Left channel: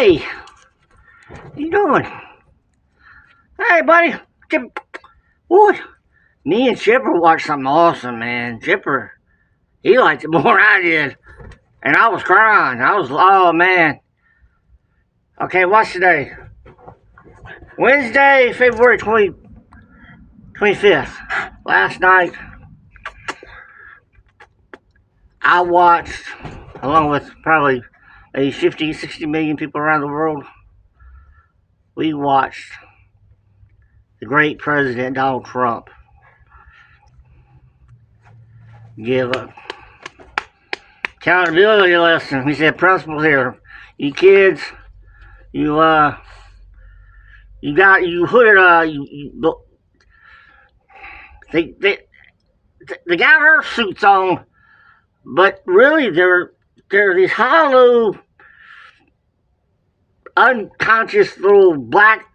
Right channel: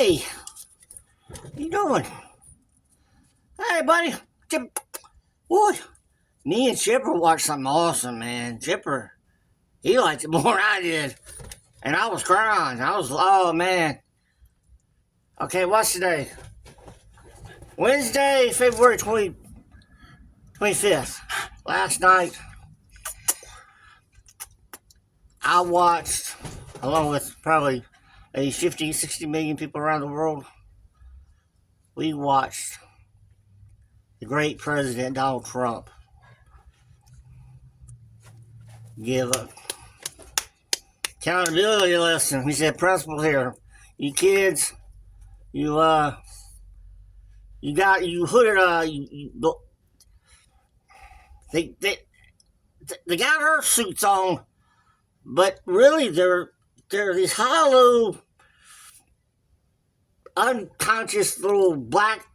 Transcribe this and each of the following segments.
Hey, what you doing? Hey, buddy. Boy, me and Chipper watched something awesome, man. Chipper, he liked it more than I did. And I was crying. Oh, man. Okay, what's today? Wednesday, February 25th. Last night, I watched, along with probably maybe 50, 60 million people around the world, we watched the great President Donald Trump give a accountability lesson. He said, principles here. You kids, you they got Earth suits on, but really they're these hollow, unconscious little black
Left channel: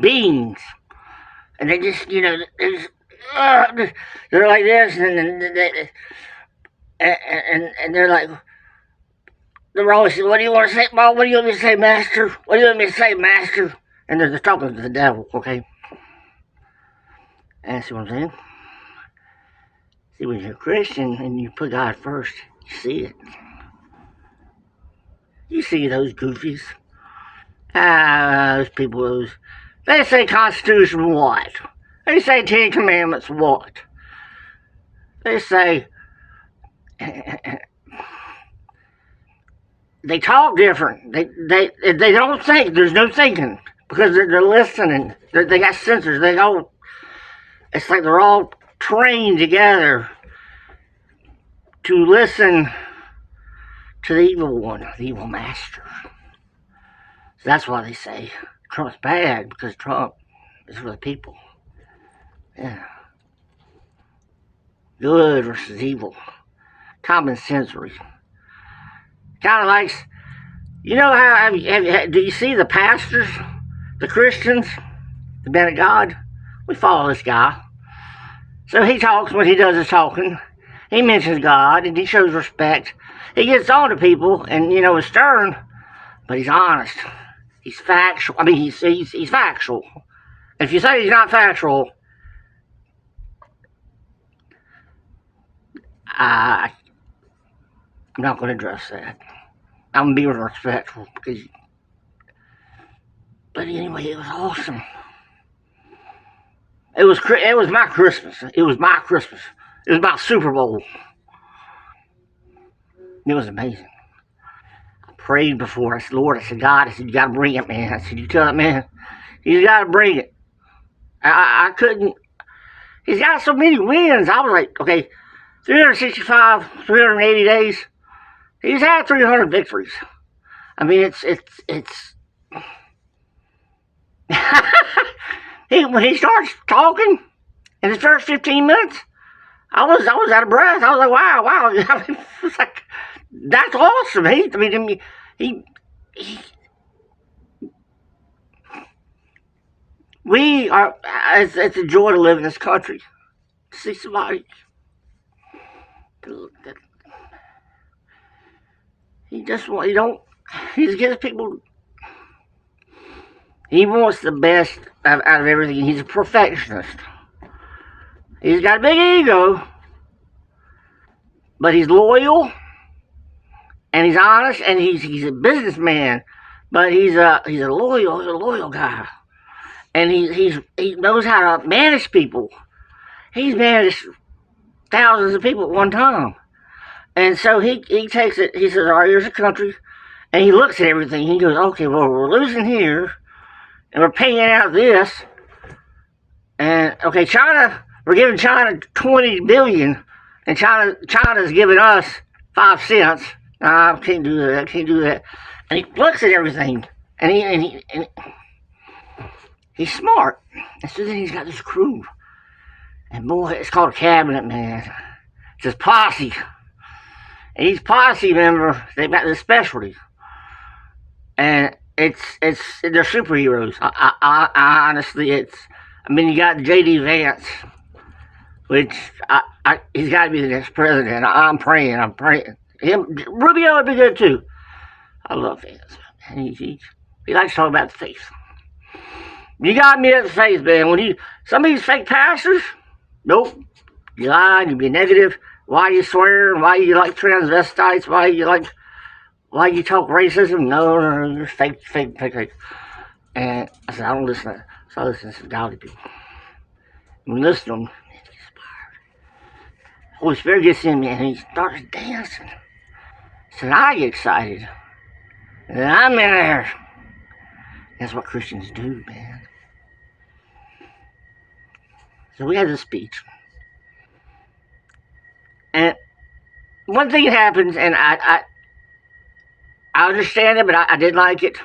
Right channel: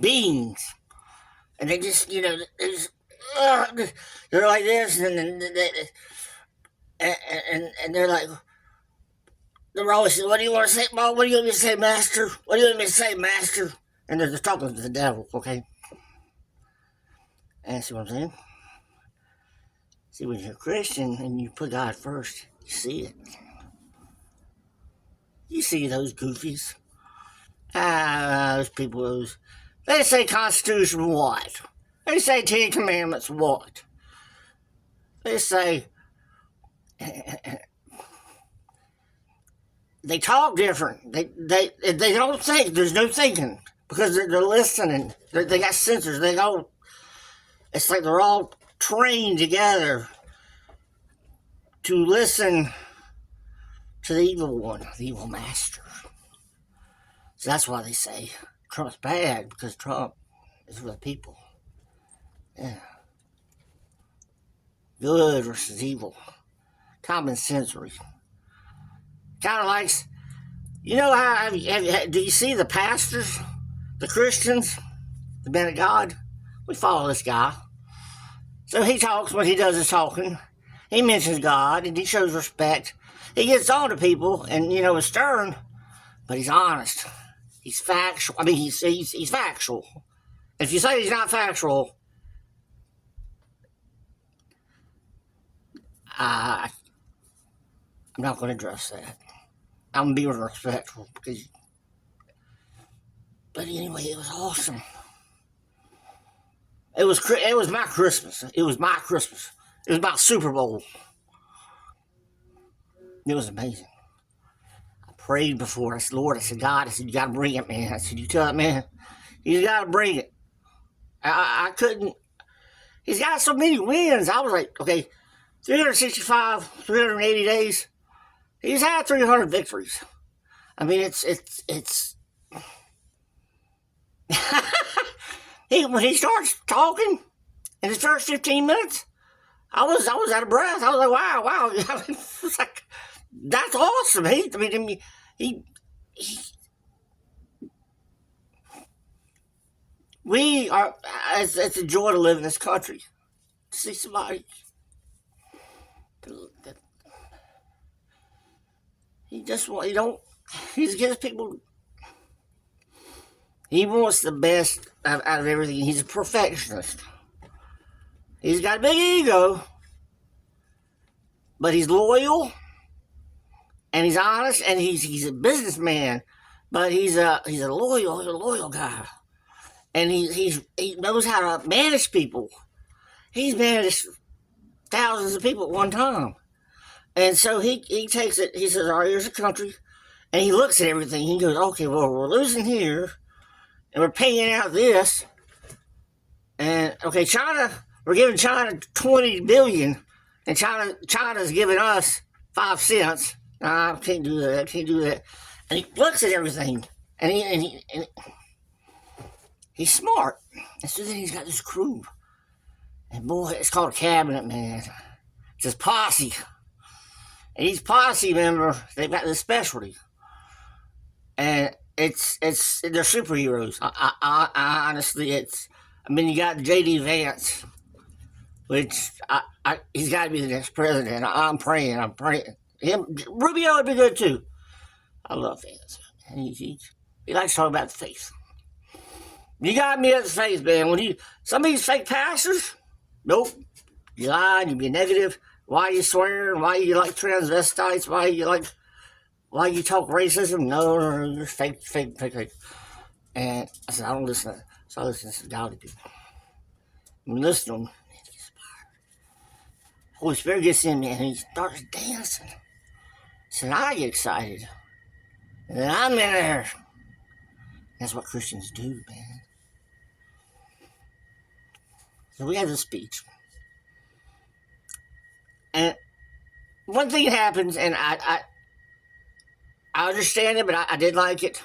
beings, and they just they're like this, and they're like. They're always saying, what do you want to say, Mom? What do you want me to say, Master? What do you want me to say, Master? And they're talking to the devil, okay? And see what I'm saying? See, when you're a Christian and you put God first, you see it. You see those goofies. Those people, they say Constitution what? They say Ten Commandments what? They say... They talk different. They don't think. There's no thinking because they're listening. They got sensors. It's like they're all trained together to listen to the evil one, the evil master. So that's why they say Trump's bad, because Trump is for the people. Yeah. Good versus evil. Common sensory. Kind of like, you know how, do you see the pastors, the Christians, the men of God? We follow this guy. So he talks when he does his talking. He mentions God and he shows respect. He gets on to people and, is stern, but he's honest. He's factual. I mean, he's factual. If you say he's not factual, I'm not going to address that. I'm being respectful but anyway, it was awesome. It was my Christmas. It was my Christmas. It was my Super Bowl. It was amazing. I prayed before. I said, Lord, God, you got to bring it, man. I said, you tell that man, he's got to bring it. I couldn't. He's got so many wins. I was like, okay, 365, 380 days. He's had 300 victories. I mean, it's when he starts talking in his first 15 minutes, I was out of breath. I was like, wow. It's like, that's awesome. We are, it's a joy to live in this country. To see somebody he just gives people, he wants the best out of everything. He's a perfectionist. He's got a big ego, but he's loyal, and he's honest, and he's a businessman, but he's a loyal guy, and he knows how to manage people. He's managed thousands of people at one time. And so he takes it, he says, all right, here's a country. And he looks at everything. He goes, okay, well, we're losing here. And we're paying out this. And, okay, China, we're giving China $20 billion. And China's giving us 5 cents. Nah, I can't do that. And he looks at everything. And he's smart. And so then he's got this crew. And boy, it's called a cabinet, man. It's his posse. And these posse members, they've got this specialty. And they're superheroes. I honestly, you got J.D. Vance, which he's got to be the next president. I'm praying. Rubio would be good too. I love Vance. And he likes to talk about the faith. You got me at the faith, man. Some of these fake pastors, nope. You lie, you be negative. Why you swear? Why you like transvestites? Why you talk racism? No, you're fake. And I said, I don't listen to that. So I listen to godly people. And listen to them, man, Holy Spirit gets in me and he starts dancing. So I get excited. And then I'm in there. That's what Christians do, man. So we had this speech. And one thing happens, and I understand it, but I didn't like it.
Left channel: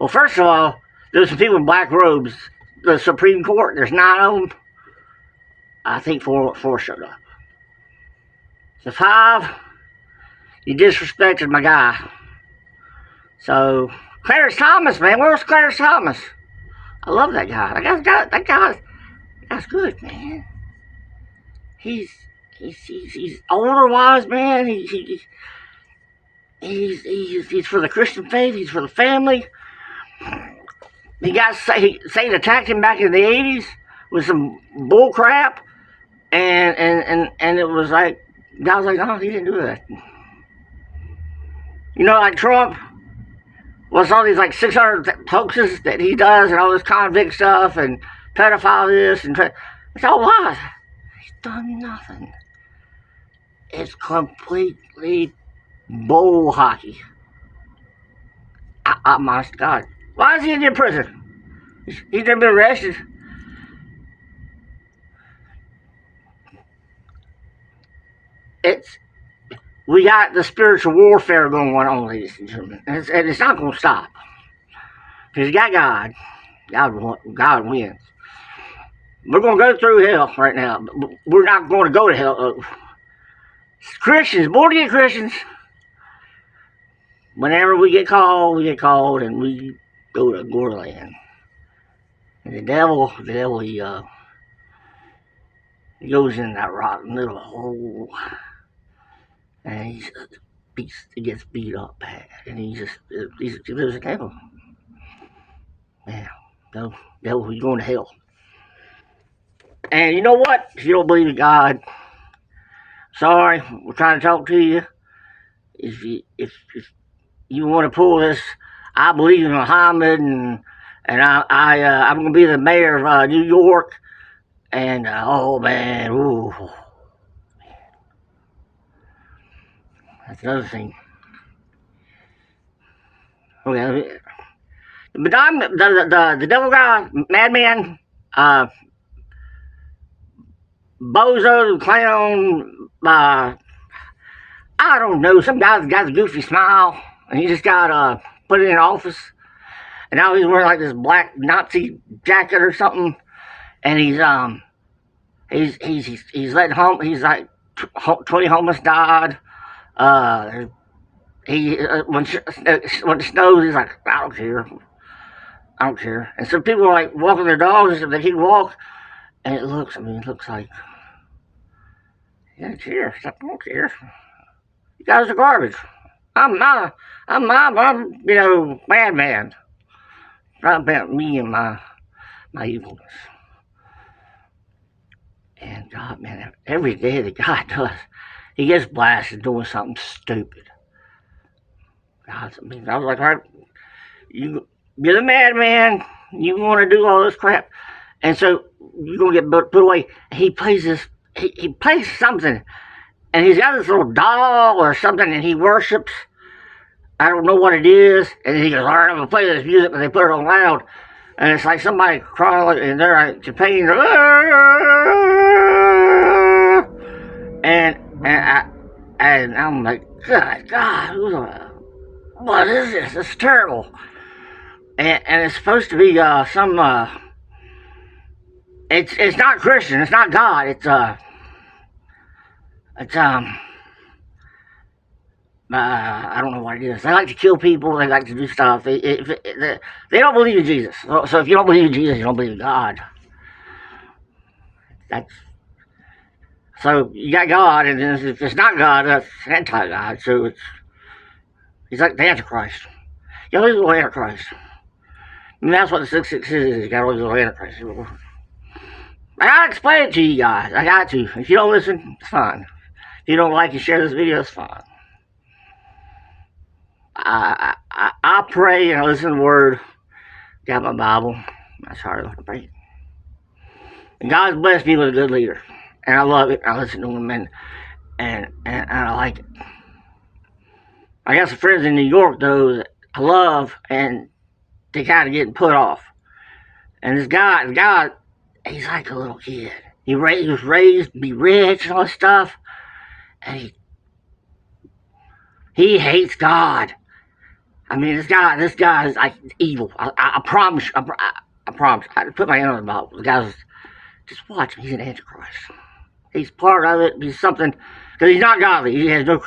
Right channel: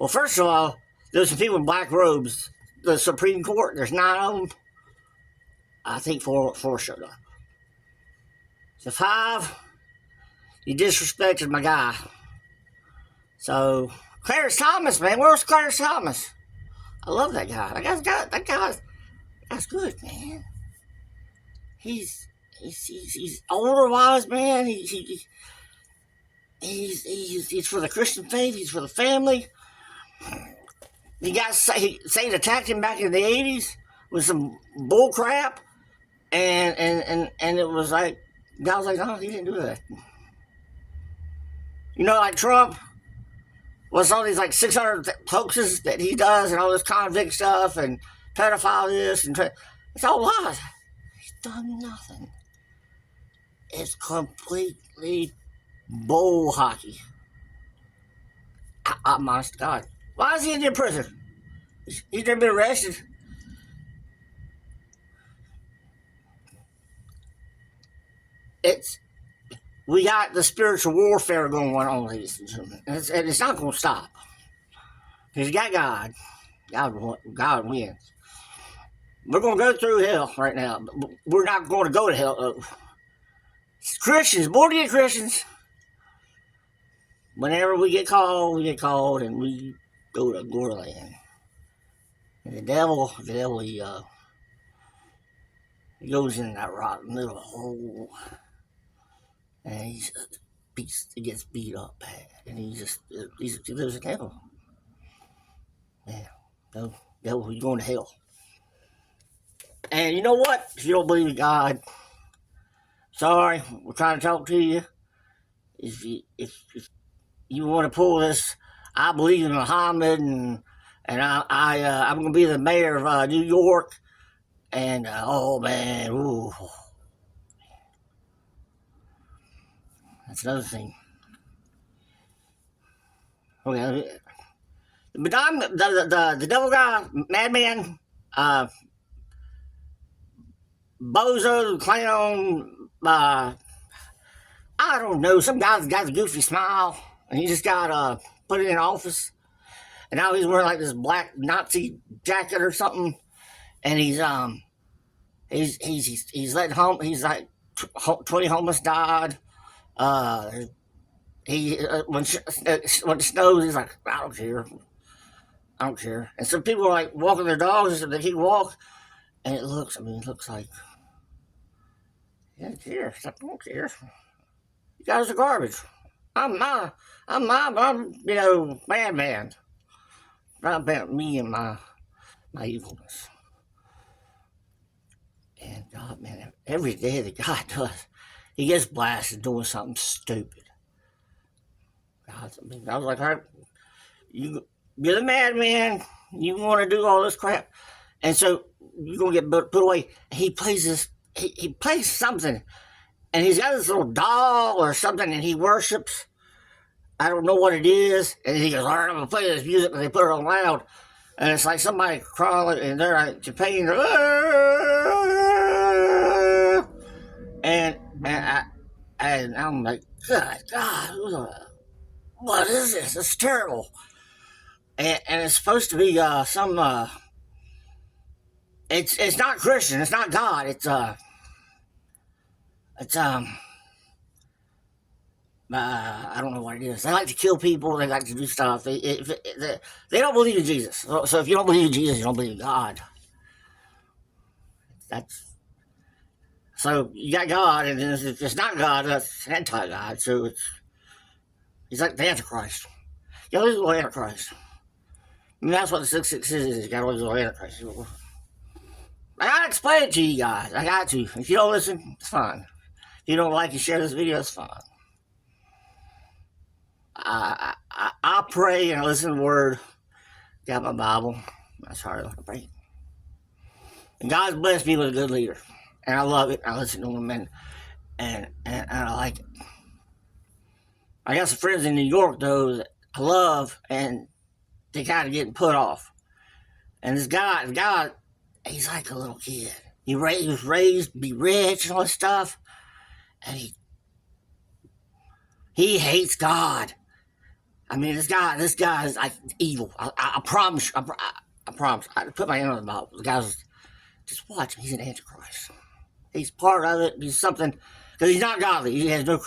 Well, first of all, there's some people in black robes. The Supreme Court, there's 9 of them. I think four showed up. So 5, you disrespected my guy. So Clarence Thomas, man, where's Clarence Thomas? I love that guy. That guy's good, man. He's older wise, man. He's for the Christian faith. He's for the family. Satan attacked him back in the 80s with some bull crap, and it was like, God was like, no, he didn't do that. You know, like Trump, what's all these like 600 hoaxes that he does and all this convict stuff and pedophile this and it's all lies. He's done nothing. It's completely bull hockey. I'm honest to God. Why is he in prison? He's never been arrested. We got the spiritual warfare going on, ladies and gentlemen. And it's not going to stop. Because you got God. God wins. We're going to go through hell right now. But we're not going to go to hell. Christians, born again Christians, whenever we get called, and we go to Gorland. And the devil, he goes in that rotten little hole. And he gets beat up bad. And he lives in hell. Man, no, devil, you're going to hell. And you know what? If you don't believe in God, sorry, we're trying to talk to you. If you want to pull this, I believe in Muhammad, and I'm going to be the mayor of New York, and oh man, ooh, that's another thing. Okay, the devil guy, madman, bozo, clown, I don't know, some guy's got a goofy smile, and he just got put in office, and now he's wearing like this black Nazi jacket or something, and he's letting he's like 20 homeless died. When it snows, he's like, I don't care. And some people are like walking their dogs and they can walk, and it looks like, he doesn't care. I don't care. You guys are garbage. I'm madman. Not about me and my evilness. And God, man, every day that God does, he gets blasted doing something stupid. God, I was like, all right, you're the madman. You want to do all this crap, and so you're gonna get put away. He plays this. He plays something, and he's got this little doll or something, and he worships. I don't know what it is, and he goes, all right, I'm gonna play this music, and they put it on loud, and it's like somebody crawling, and they're like pain, and I'm like, God, what is this? It's terrible. And it's supposed to be it's not Christian. It's not God. It's I don't know what it is. They like to kill people. They like to do stuff. They don't believe in Jesus. So if you don't believe in Jesus, you don't believe in God. So you got God, and if it's not God, that's anti-God. So He's like the Antichrist. You know, he's a little Antichrist. And that's what the 666 is. You got all these little Antichrist. I gotta explain it to you guys. I got to. If you don't listen, it's fine. If you don't like and share this video, it's fine. I pray and I listen to the Word. Got my Bible. That's how I pray. And God's blessed me with a good leader. And I love it. I listen to him and I like it. I got some friends in New York, though, that I love, and they kind of getting put off. And this guy, he's like a little kid. He was raised to be rich and all this stuff, and he hates God. I mean, this guy is like evil. I promise. I promise. I put my hand on the Bible. The guy's just watch him. He's an Antichrist. He's part of it. He's something because he's not godly. He has no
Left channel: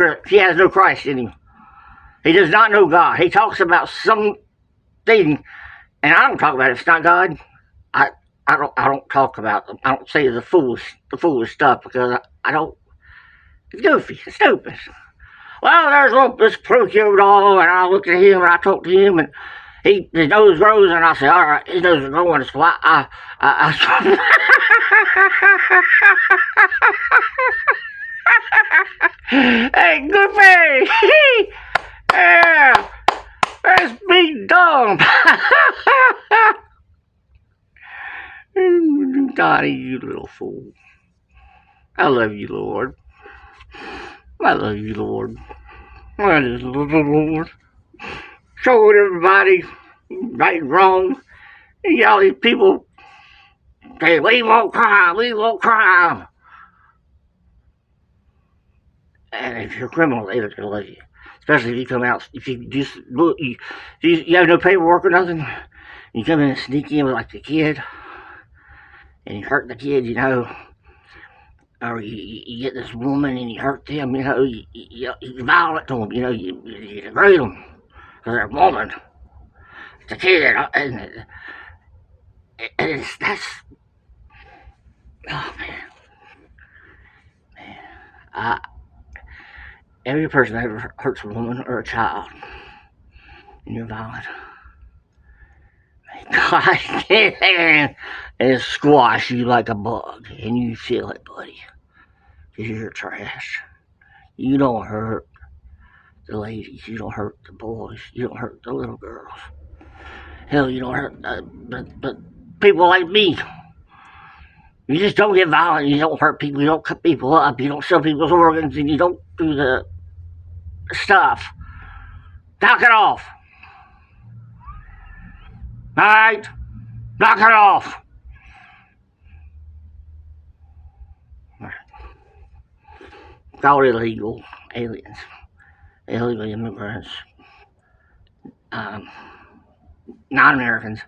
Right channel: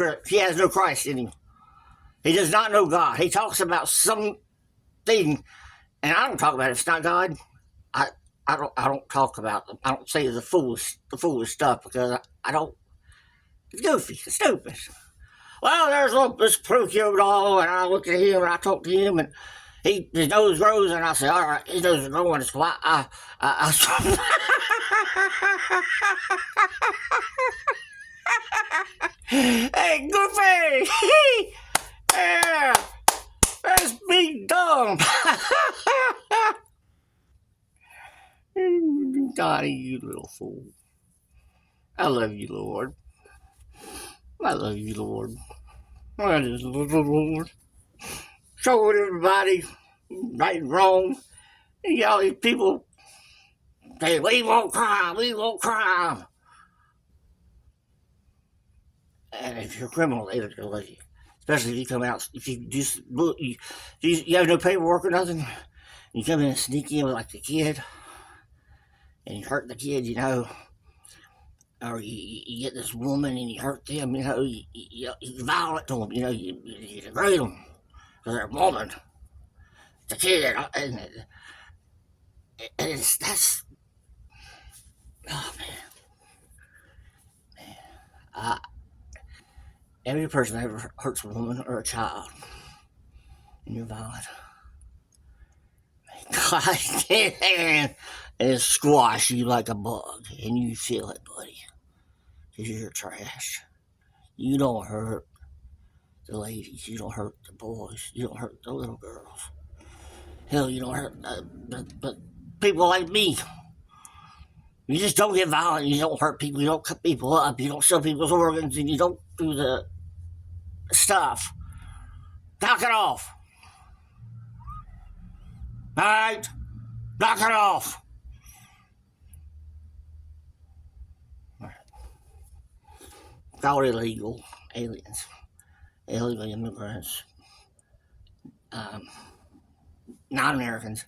Christ in him. He does not know God. He talks about something, and I don't talk about it. If it's not God, I don't talk about them. I don't say the foolish stuff because I don't. It's goofy. It's stupid. Well, there's this Pinocchio doll, and I looked at him and I talked to him, and his nose grows, and I said, all right, his nose is growing, so I hey, Goofy! Yeah, that's me dumb. Donnie, you little fool. I love you, Lord. I love you, Lord. I just love the Lord. Showing everybody right and wrong. And all these people say, we won't cry, we won't cry. And if you're a criminal, they don't let you. Especially if you come out, if you just you have no paperwork or nothing, you come in and sneak in with like the kid, and you hurt the kid, you know, or you get this woman and you hurt them, you know, you're violent to them, you know, you degrade them because they're a woman. It's a kid, and that's, oh man. Every person that ever hurts a woman or a child, and you're violent, God can and squash you like a bug, and you feel it, buddy, because you're trash. You don't hurt the ladies, you don't hurt the boys, you don't hurt the little girls. Hell, you don't hurt but people like me. You just don't get violent, you don't hurt people, you don't cut people up, you don't sell people's organs, and you don't do the stuff. Knock it off. Alright? Knock it off. It's all illegal aliens, illegal immigrants, non-Americans.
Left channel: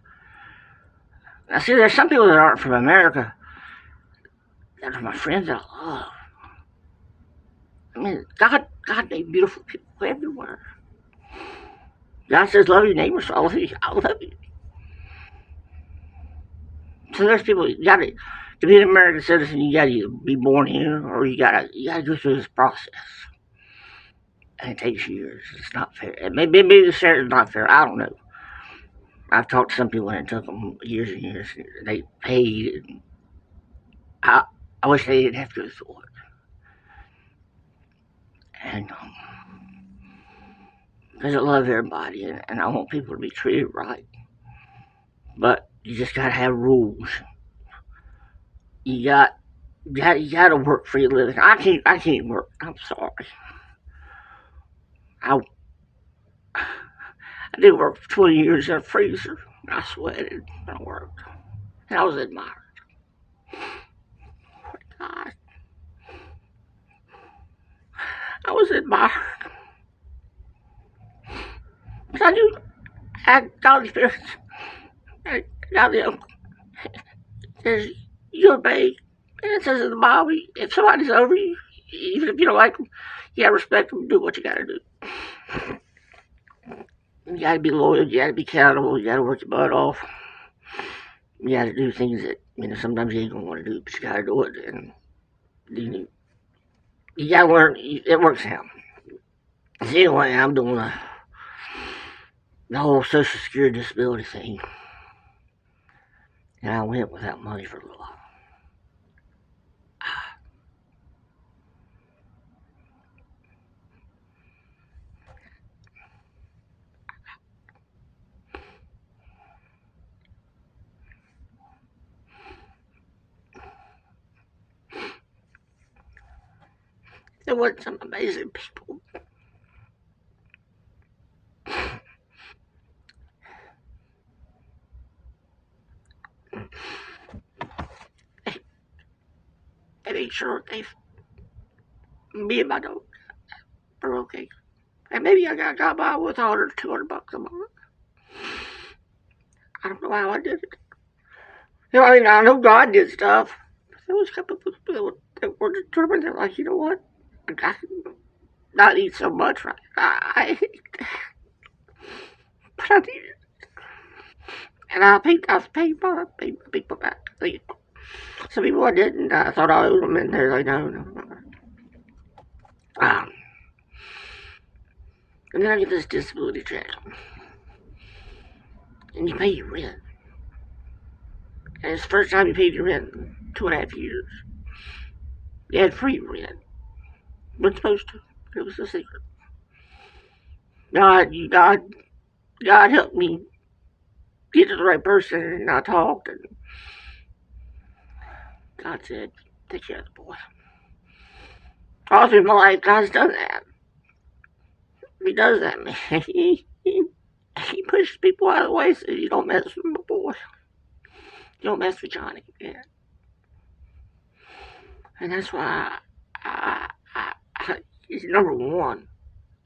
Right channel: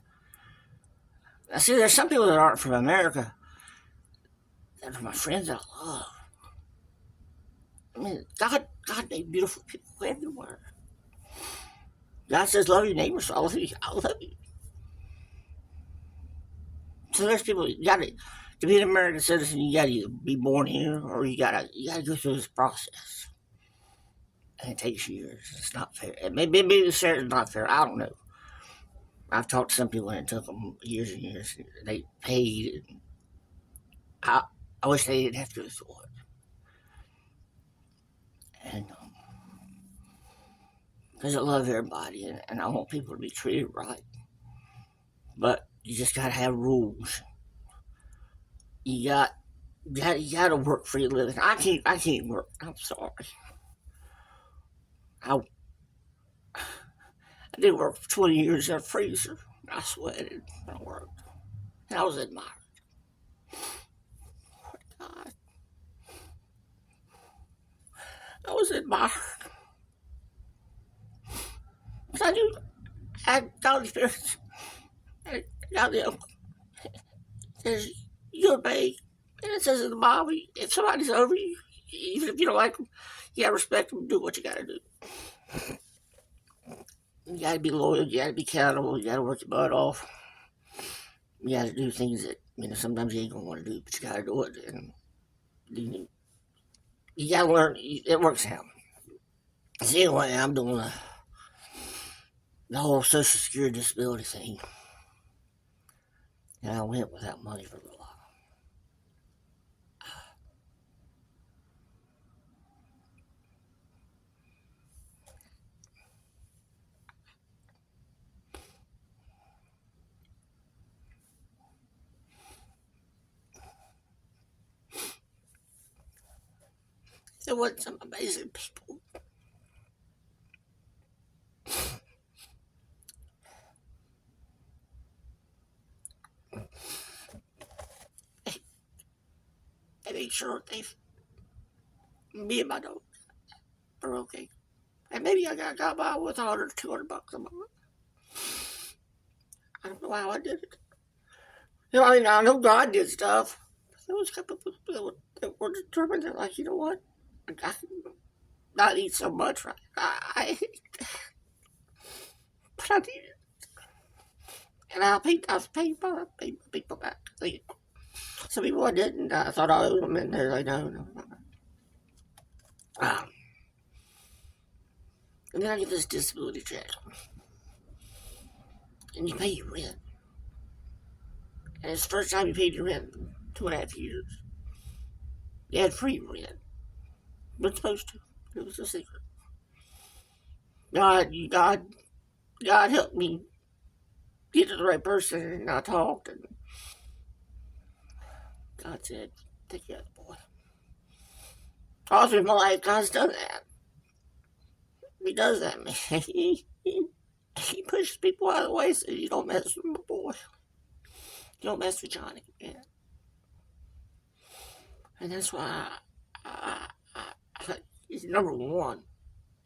Now, see, there's some people that aren't from America that are my friends that I love. I mean, God made beautiful people everywhere. God says, love your neighbors, so I love you. So there's people, you gotta, to be an American citizen, you gotta be born here, or you gotta go through this process. And it takes years. It's not fair. Maybe it's not fair. I don't know. I've talked to some people and it took them years and years. They paid. I wish they didn't have to go through it. And because I love everybody and I want people to be treated right. But you just gotta have rules. You gotta work for your living. I can't work. I'm sorry. I did work for 20 years in a freezer. I sweated and I worked. And I was admired. God. I was admired. Because I knew I had godly spirits. I got the uncle. It says, you obey. And it says in the Bible, if somebody's over you, even if you don't like them, you gotta respect them and do what you gotta do. You gotta be loyal, you gotta be accountable, you gotta work your butt off. You gotta do things that, sometimes you ain't gonna wanna do, but you gotta do it. And you gotta learn, it works out. So anyway, I'm doing the whole Social Security disability thing. And I went without money for a little while. There were some amazing people. They made sure me and my dog are okay. And maybe I got by with 100 or 200 bucks a month. I don't know how I did it. I mean, I know God did stuff. There was a couple of people that were determined. They're like, you know what? I can not eat so much. Right? But I did it. And I paid my people back. Some people I didn't. I thought I owed them, and they're like, no. And then I get this disability check. And you pay your rent. And it's the first time you paid your rent in 2.5 years. You had free rent. We're supposed to. It was a secret. God helped me get to the right person, and I talked, and God said, take care of the boy. All through my life, God's done that. He does that, man. He pushes people out of the way so you don't mess with my boy. You don't mess with Johnny. Yeah. And that's why he's number one.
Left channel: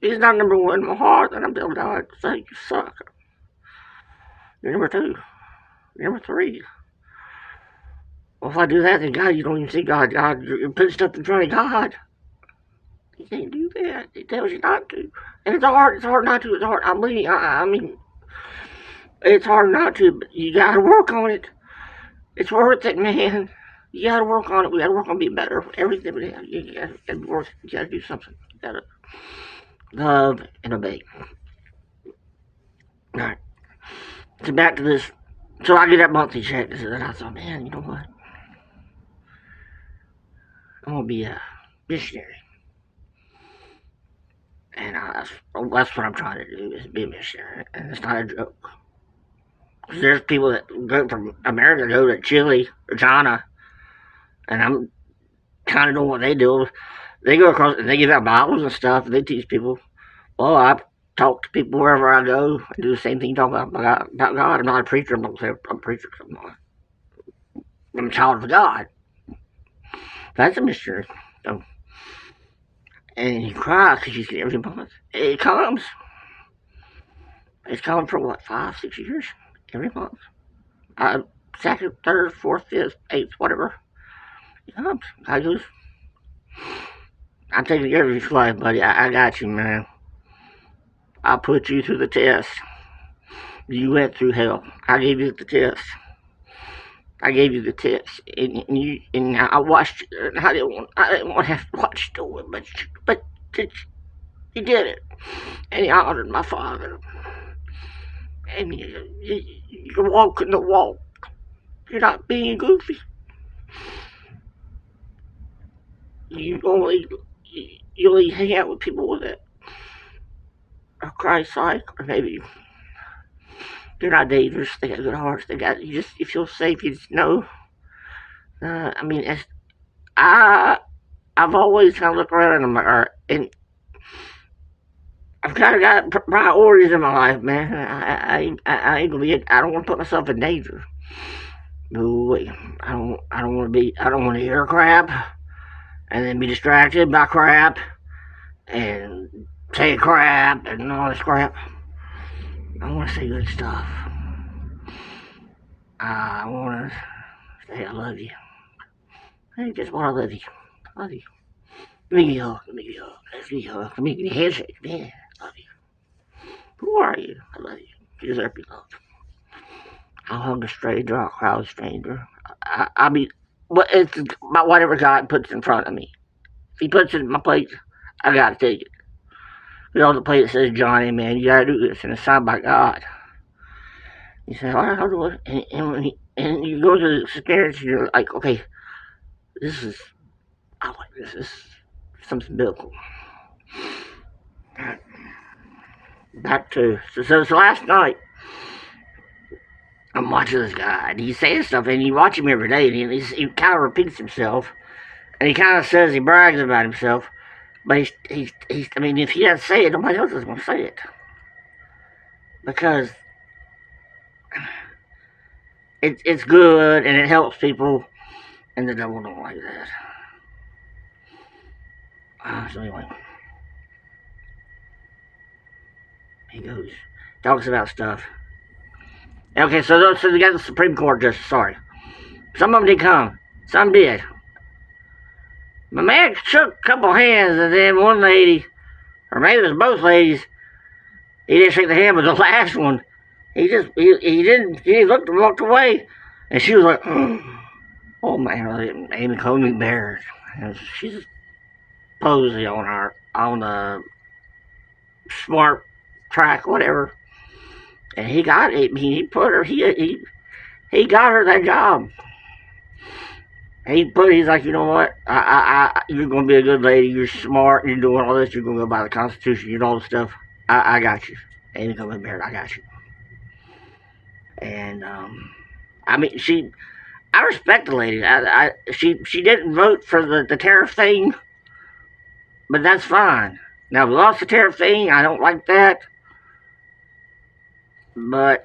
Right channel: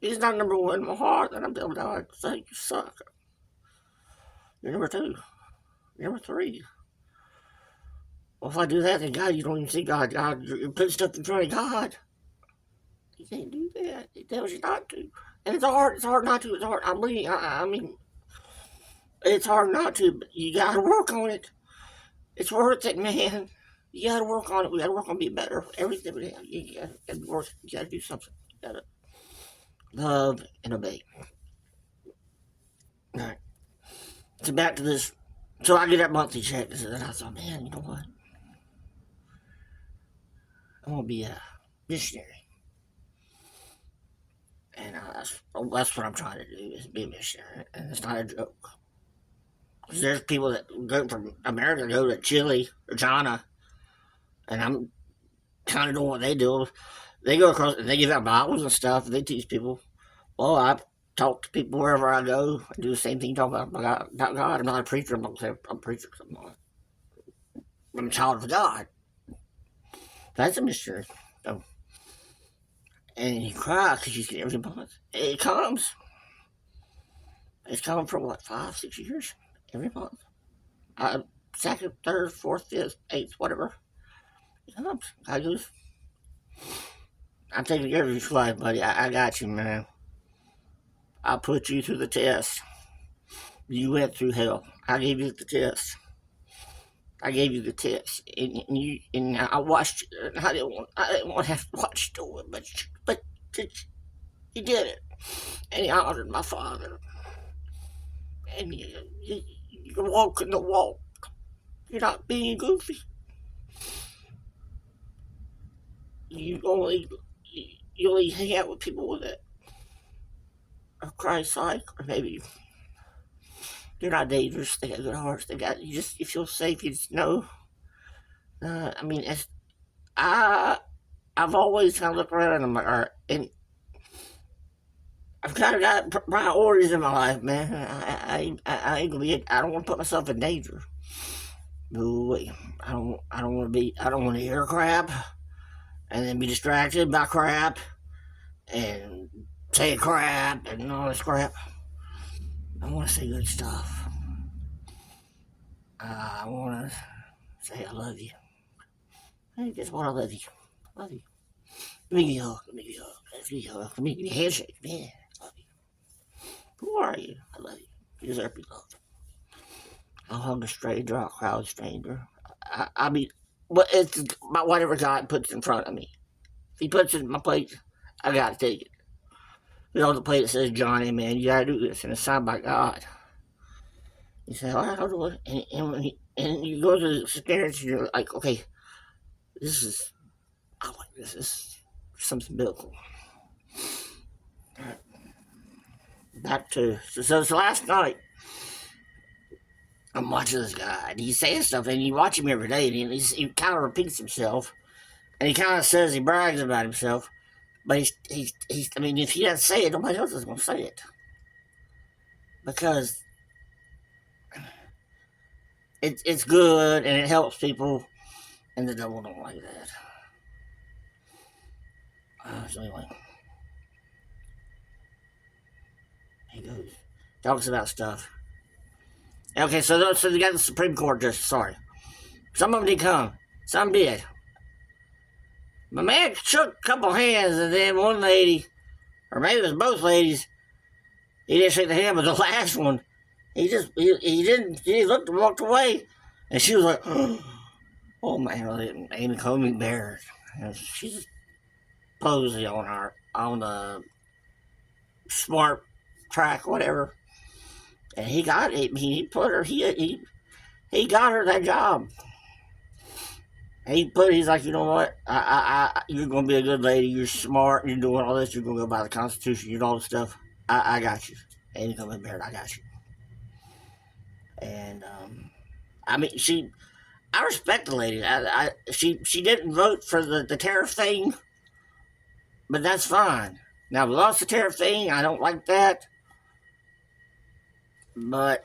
He's not number one in my heart, and I'm telling God, say, you suck. You're number two. You're number three. Well, if I do that, then God, you don't even see God. God, you're putting stuff in front of God. You can't do that. He tells you not to. And it's hard not to. It's hard. I mean, it's hard not to, but you gotta work on it. It's worth it, man. You gotta work on it. We gotta work on being better. Everything we have. You gotta work. You gotta do something. You gotta love and obey. Alright. So back to this. So I get that monthly check, and I thought, man, you know what? I'm gonna be a missionary. And that's what I'm trying to do, is be a missionary. And it's not a joke. Because there's people that go from America, go to Chile or China, and I'm kind of doing what they do. They go across and they give out Bibles and stuff, and they teach people. Well, I talk to people wherever I go and do the same thing, talk about God. I'm not a preacher. I'm a preacher. I'm a child of God. That's a missionary. So, and you cry because you get every month. It comes. It's coming for what, 5, 6 years? Every month. Second, third, fourth, fifth, eighth, whatever. It comes. I just, I'm taking care of you, slave, buddy. I got you, man. I put you through the test. You went through hell. I gave you the test. I gave you the test, and I watched you. And I didn't want to have to watch you do it, but you did it, and you honored my father, and you're walking the walk. You're not being goofy. You only hang out with people that are Christ-like, or maybe they're not dangerous. They got good hearts. You feel safe. You just know. I mean, I've always kind of looked around and I'm like, and I've kind of got priorities in my life, man. I ain't gonna be. I don't want to put myself in danger. No, I don't want to hear crap and then be distracted by crap and say crap and all this crap. I want to say good stuff. I want to say I love you. Hey, guess what? I love you. I love you. Let me give you a hug. Let me give you a hug. Let me give you a hug. Let me give you a handshake. Man, I love you. Who are you? I love you. You deserve to be loved. I'll hug a stranger. I'll cry with a stranger. I mean, but it's about whatever God puts in front of me. If He puts it in my plate, I gotta take it. We all the plate that says Johnny, man, you gotta do this, and it's signed by God. You say, all right, I'll do it. And you go to the experience, and you're like, okay, I like this. This is something biblical. Back to, so last night, I'm watching this guy, and he's saying stuff, and you watch him every day, and he kind of repeats himself, and he kind of says he brags about himself, but he's I mean, if he doesn't say it, nobody else is going to say it. Because it's good, and it helps people, and the devil don't like that. So anyway, he goes, talks about stuff. Okay, so they got the Supreme Court justice, sorry. Some of them did come, some did. My man shook a couple hands, and then one lady, or maybe it was both ladies, he didn't shake the hand, but the last one, he looked and walked away, and she was like, oh man, Amy Coney Barrett. She's posing on the smart track, whatever. And he got it. He put her. He got her that job. He's like, you know what? You're gonna be a good lady. You're smart. You're doing all this. You're gonna go by the Constitution. You know all this stuff. I got you. Amy Coney Barrett, I got you. And I mean, I respect the lady. She didn't vote for the tariff thing, but that's fine. Now, we lost the tariff thing. I don't like that. But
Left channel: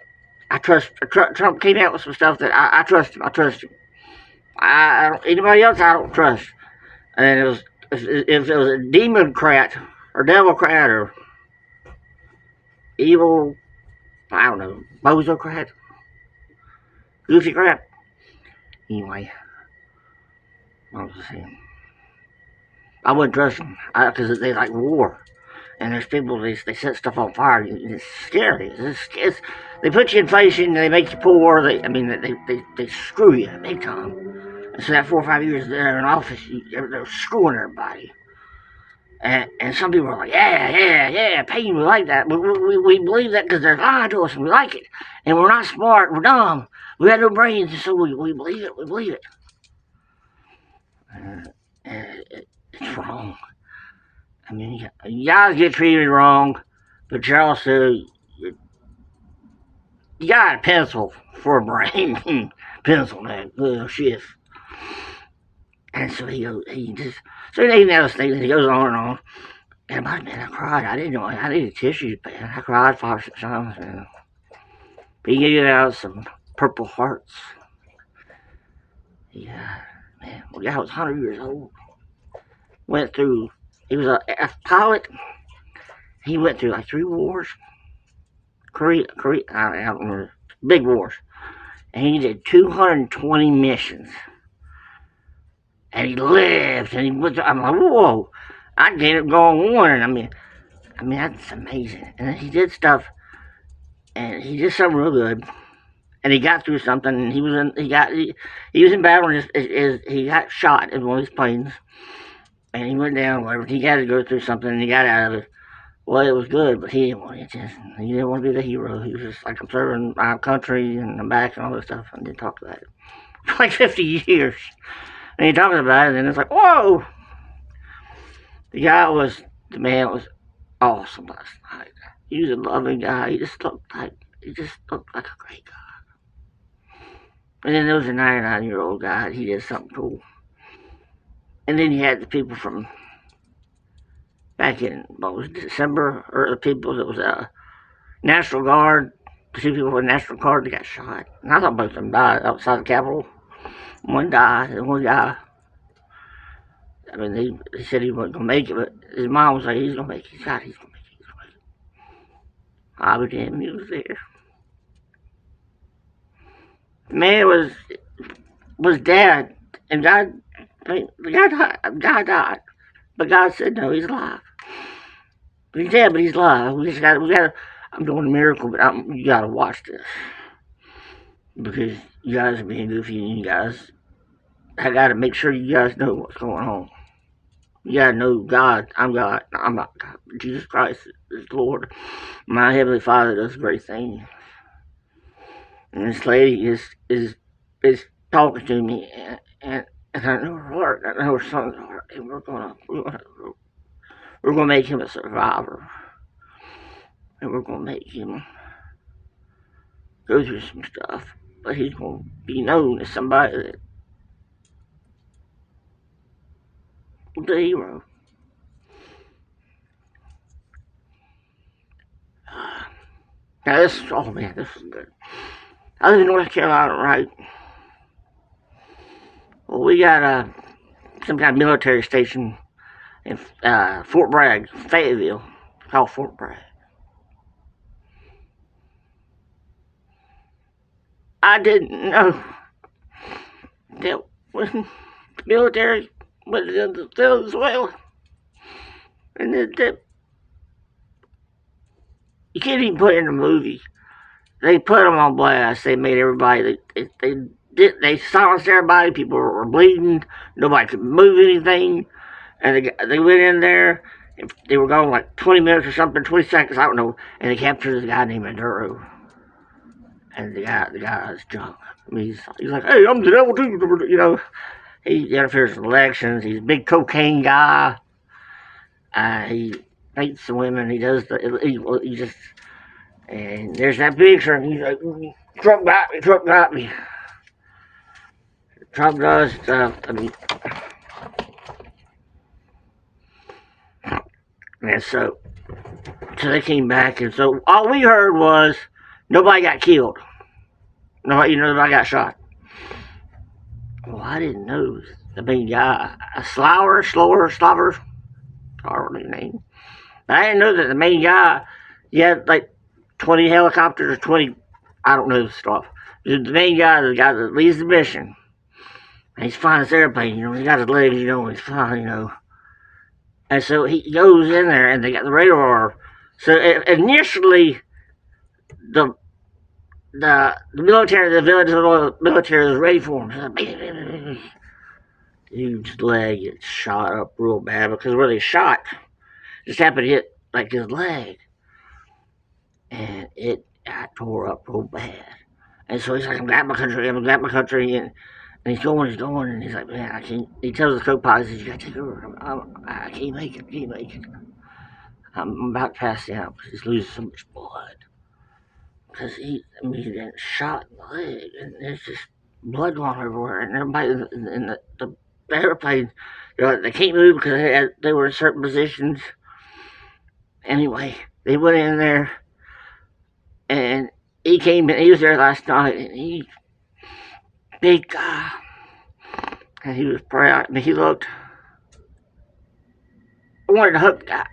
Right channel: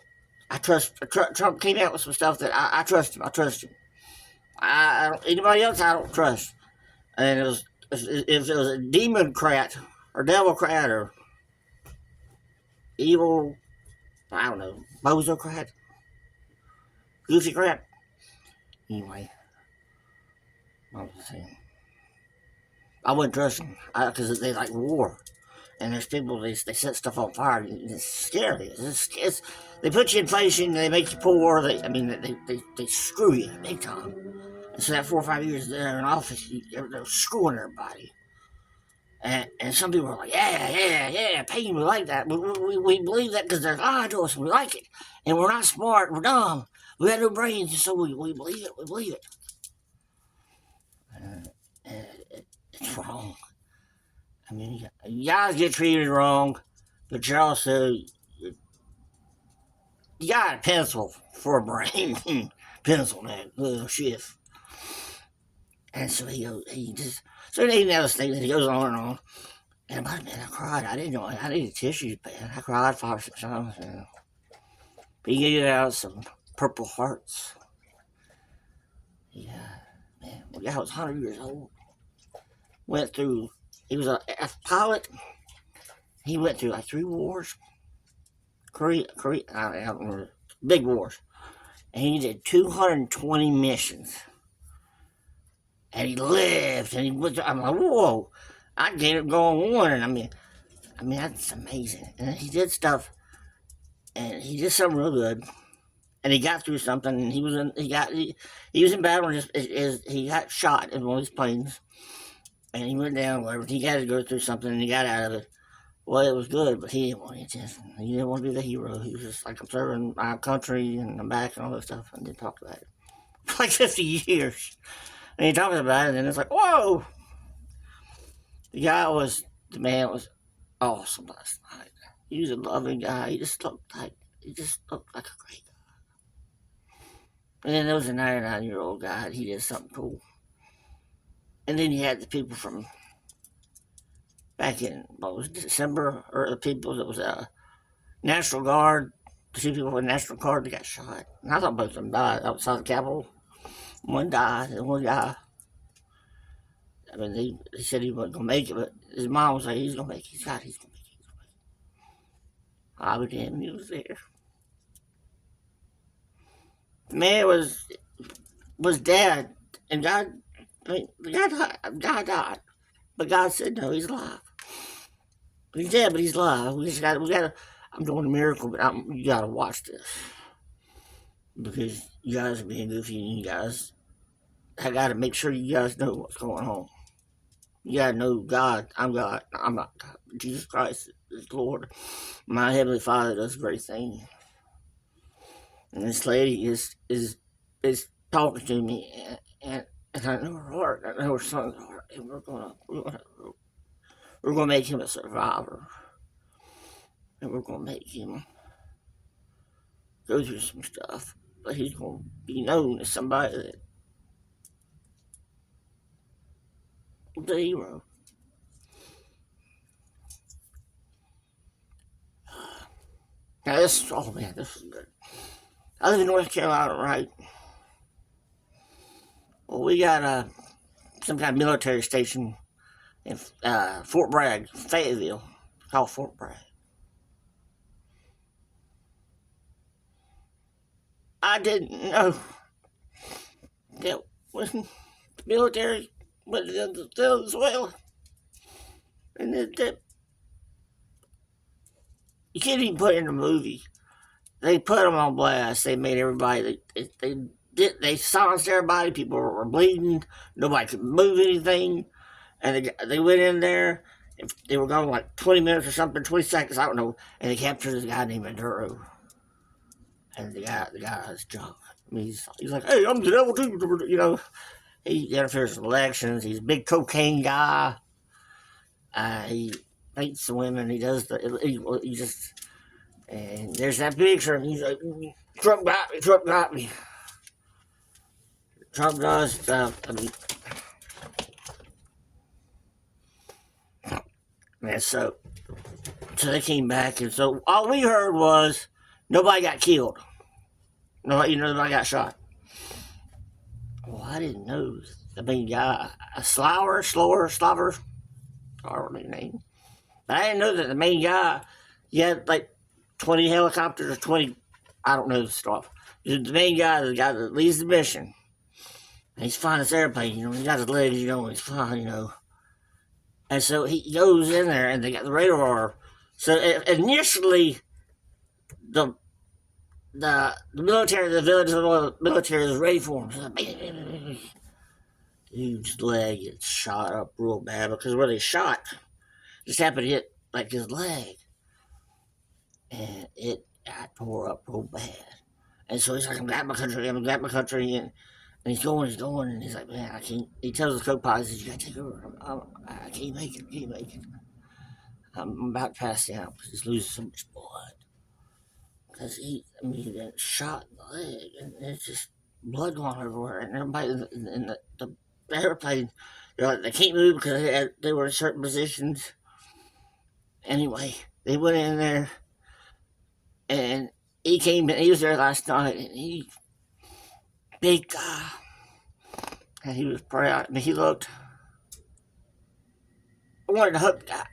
I trust, Trump came out with some stuff that I trust him. I trust him. Anybody else I don't trust. And if it was a democrat or devilcrat or evil, I don't know, bozocrat, goofy crap. Anyway, what was I saying? I wouldn't trust them because they like war. And there's people, they set stuff on fire. It's scary. They put you in inflation, they make you poor. They screw you big time. And so that 4 or 5 years they're in office, they're screwing everybody. And some people are like, yeah, pain, we like that. We believe that because they're lying to us and we like it. And we're not smart, we're dumb. We have no brains, and so we believe it, it's wrong. I mean, you guys get treated wrong, but you're also, you got a pencil for a brain. Pencil, man, little shift. And so he even else things, and he goes on and on. And man, I cried. I didn't know, I needed tissues, man. I cried 5 or 6 times. And he gave out some Purple Hearts. Yeah, man. Well, the guy was 100 years old. He was a pilot. He went through like 3 wars. Korea, I don't remember. Big wars. And he did 220 missions. And he lived. And he went through, I'm like, whoa. I get it going on. I mean, that's amazing. And he did stuff. And he did something real good. And he got through something. And he was in battle. And he got shot in one of his planes. And he went down, whatever. He got to go through something, and he got out of it. Well, it was good, but he didn't want attention. He didn't want to be the hero. He was just like, I'm serving my country, and I'm back, and all this stuff, and didn't talk about it. For like 50 years. And he talks about it, and it's like, whoa! The man was awesome last night. He was a loving guy. He just looked like a great guy. And then there was a 99-year-old guy. He did something cool. And then you had the people from back in, December, or the people that was National Guard, the 2 people from the National Guard that got shot. And I thought both of them died outside the Capitol. One died, and one guy, I mean, they said he wasn't going to make it, but his mom was like, he's going to make it. He's going to make it. I was damn, he was there. The man was dead, and God, the guy died, but God said no, he's alive. He's dead, but he's alive. We gotta. I'm doing a miracle, but you gotta watch this because you guys are being goofy, and you guys, I gotta make sure you guys know what's going on. You gotta know God. I'm God. I'm not God. Jesus Christ the Lord. My Heavenly Father does a great thing. And this lady is talking to me, and I know her heart, I know her son's heart, and we're gonna make him a survivor, and we're gonna make him go through some stuff, but he's gonna be known as somebody that the hero. Now this is, oh man, this is good. I live in North Carolina, right? Well, we got some kind of military station in Fort Bragg, Fayetteville, called Fort Bragg. I didn't know that when the military went to Venezuela, and that you can't even put it in a movie. They put them on blast. They made everybody. They silenced everybody. People were bleeding. Nobody could move anything. And they went in there. They were gone like 20 minutes or something, 20 seconds, I don't know. And they captured a guy named Maduro. And the guy was drunk. I mean, he's like, hey, I'm the devil too. You know, he interferes with elections. He's a big cocaine guy. He hates the women. He does he just. And there's that picture, and he's like, Trump got me, Trump got me. Trump does stuff, I mean. And so they came back, and so all we heard was nobody got killed. Nobody got shot. Well, I didn't know the main guy, Slower, I don't know his name. But I didn't know that the main guy, he had like 20 helicopters or 20, I don't know stuff. The main guy, the guy that leads the mission, and he's flying this airplane, he got his legs, and he's flying, And so he goes in there, and they got the radar. So initially, the military, the military was ready for him. So, dude's leg gets shot up real bad because where they shot just happened to hit like his leg. And it got tore up real bad. And so he's like, I'm glad my country, and he's going, and he's like, man, I can't. He tells the co-pilot, he says, you gotta take over. I can't make it. I'm about to pass out because he's losing so much blood. Because he got shot in the leg, and there's just blood going everywhere, and everybody in the airplane, they can't move because they were in certain positions. Anyway, they went in there. And he came in, he was there last night, and big guy, and he was proud. I mean, he looked, I wanted to hug the guy.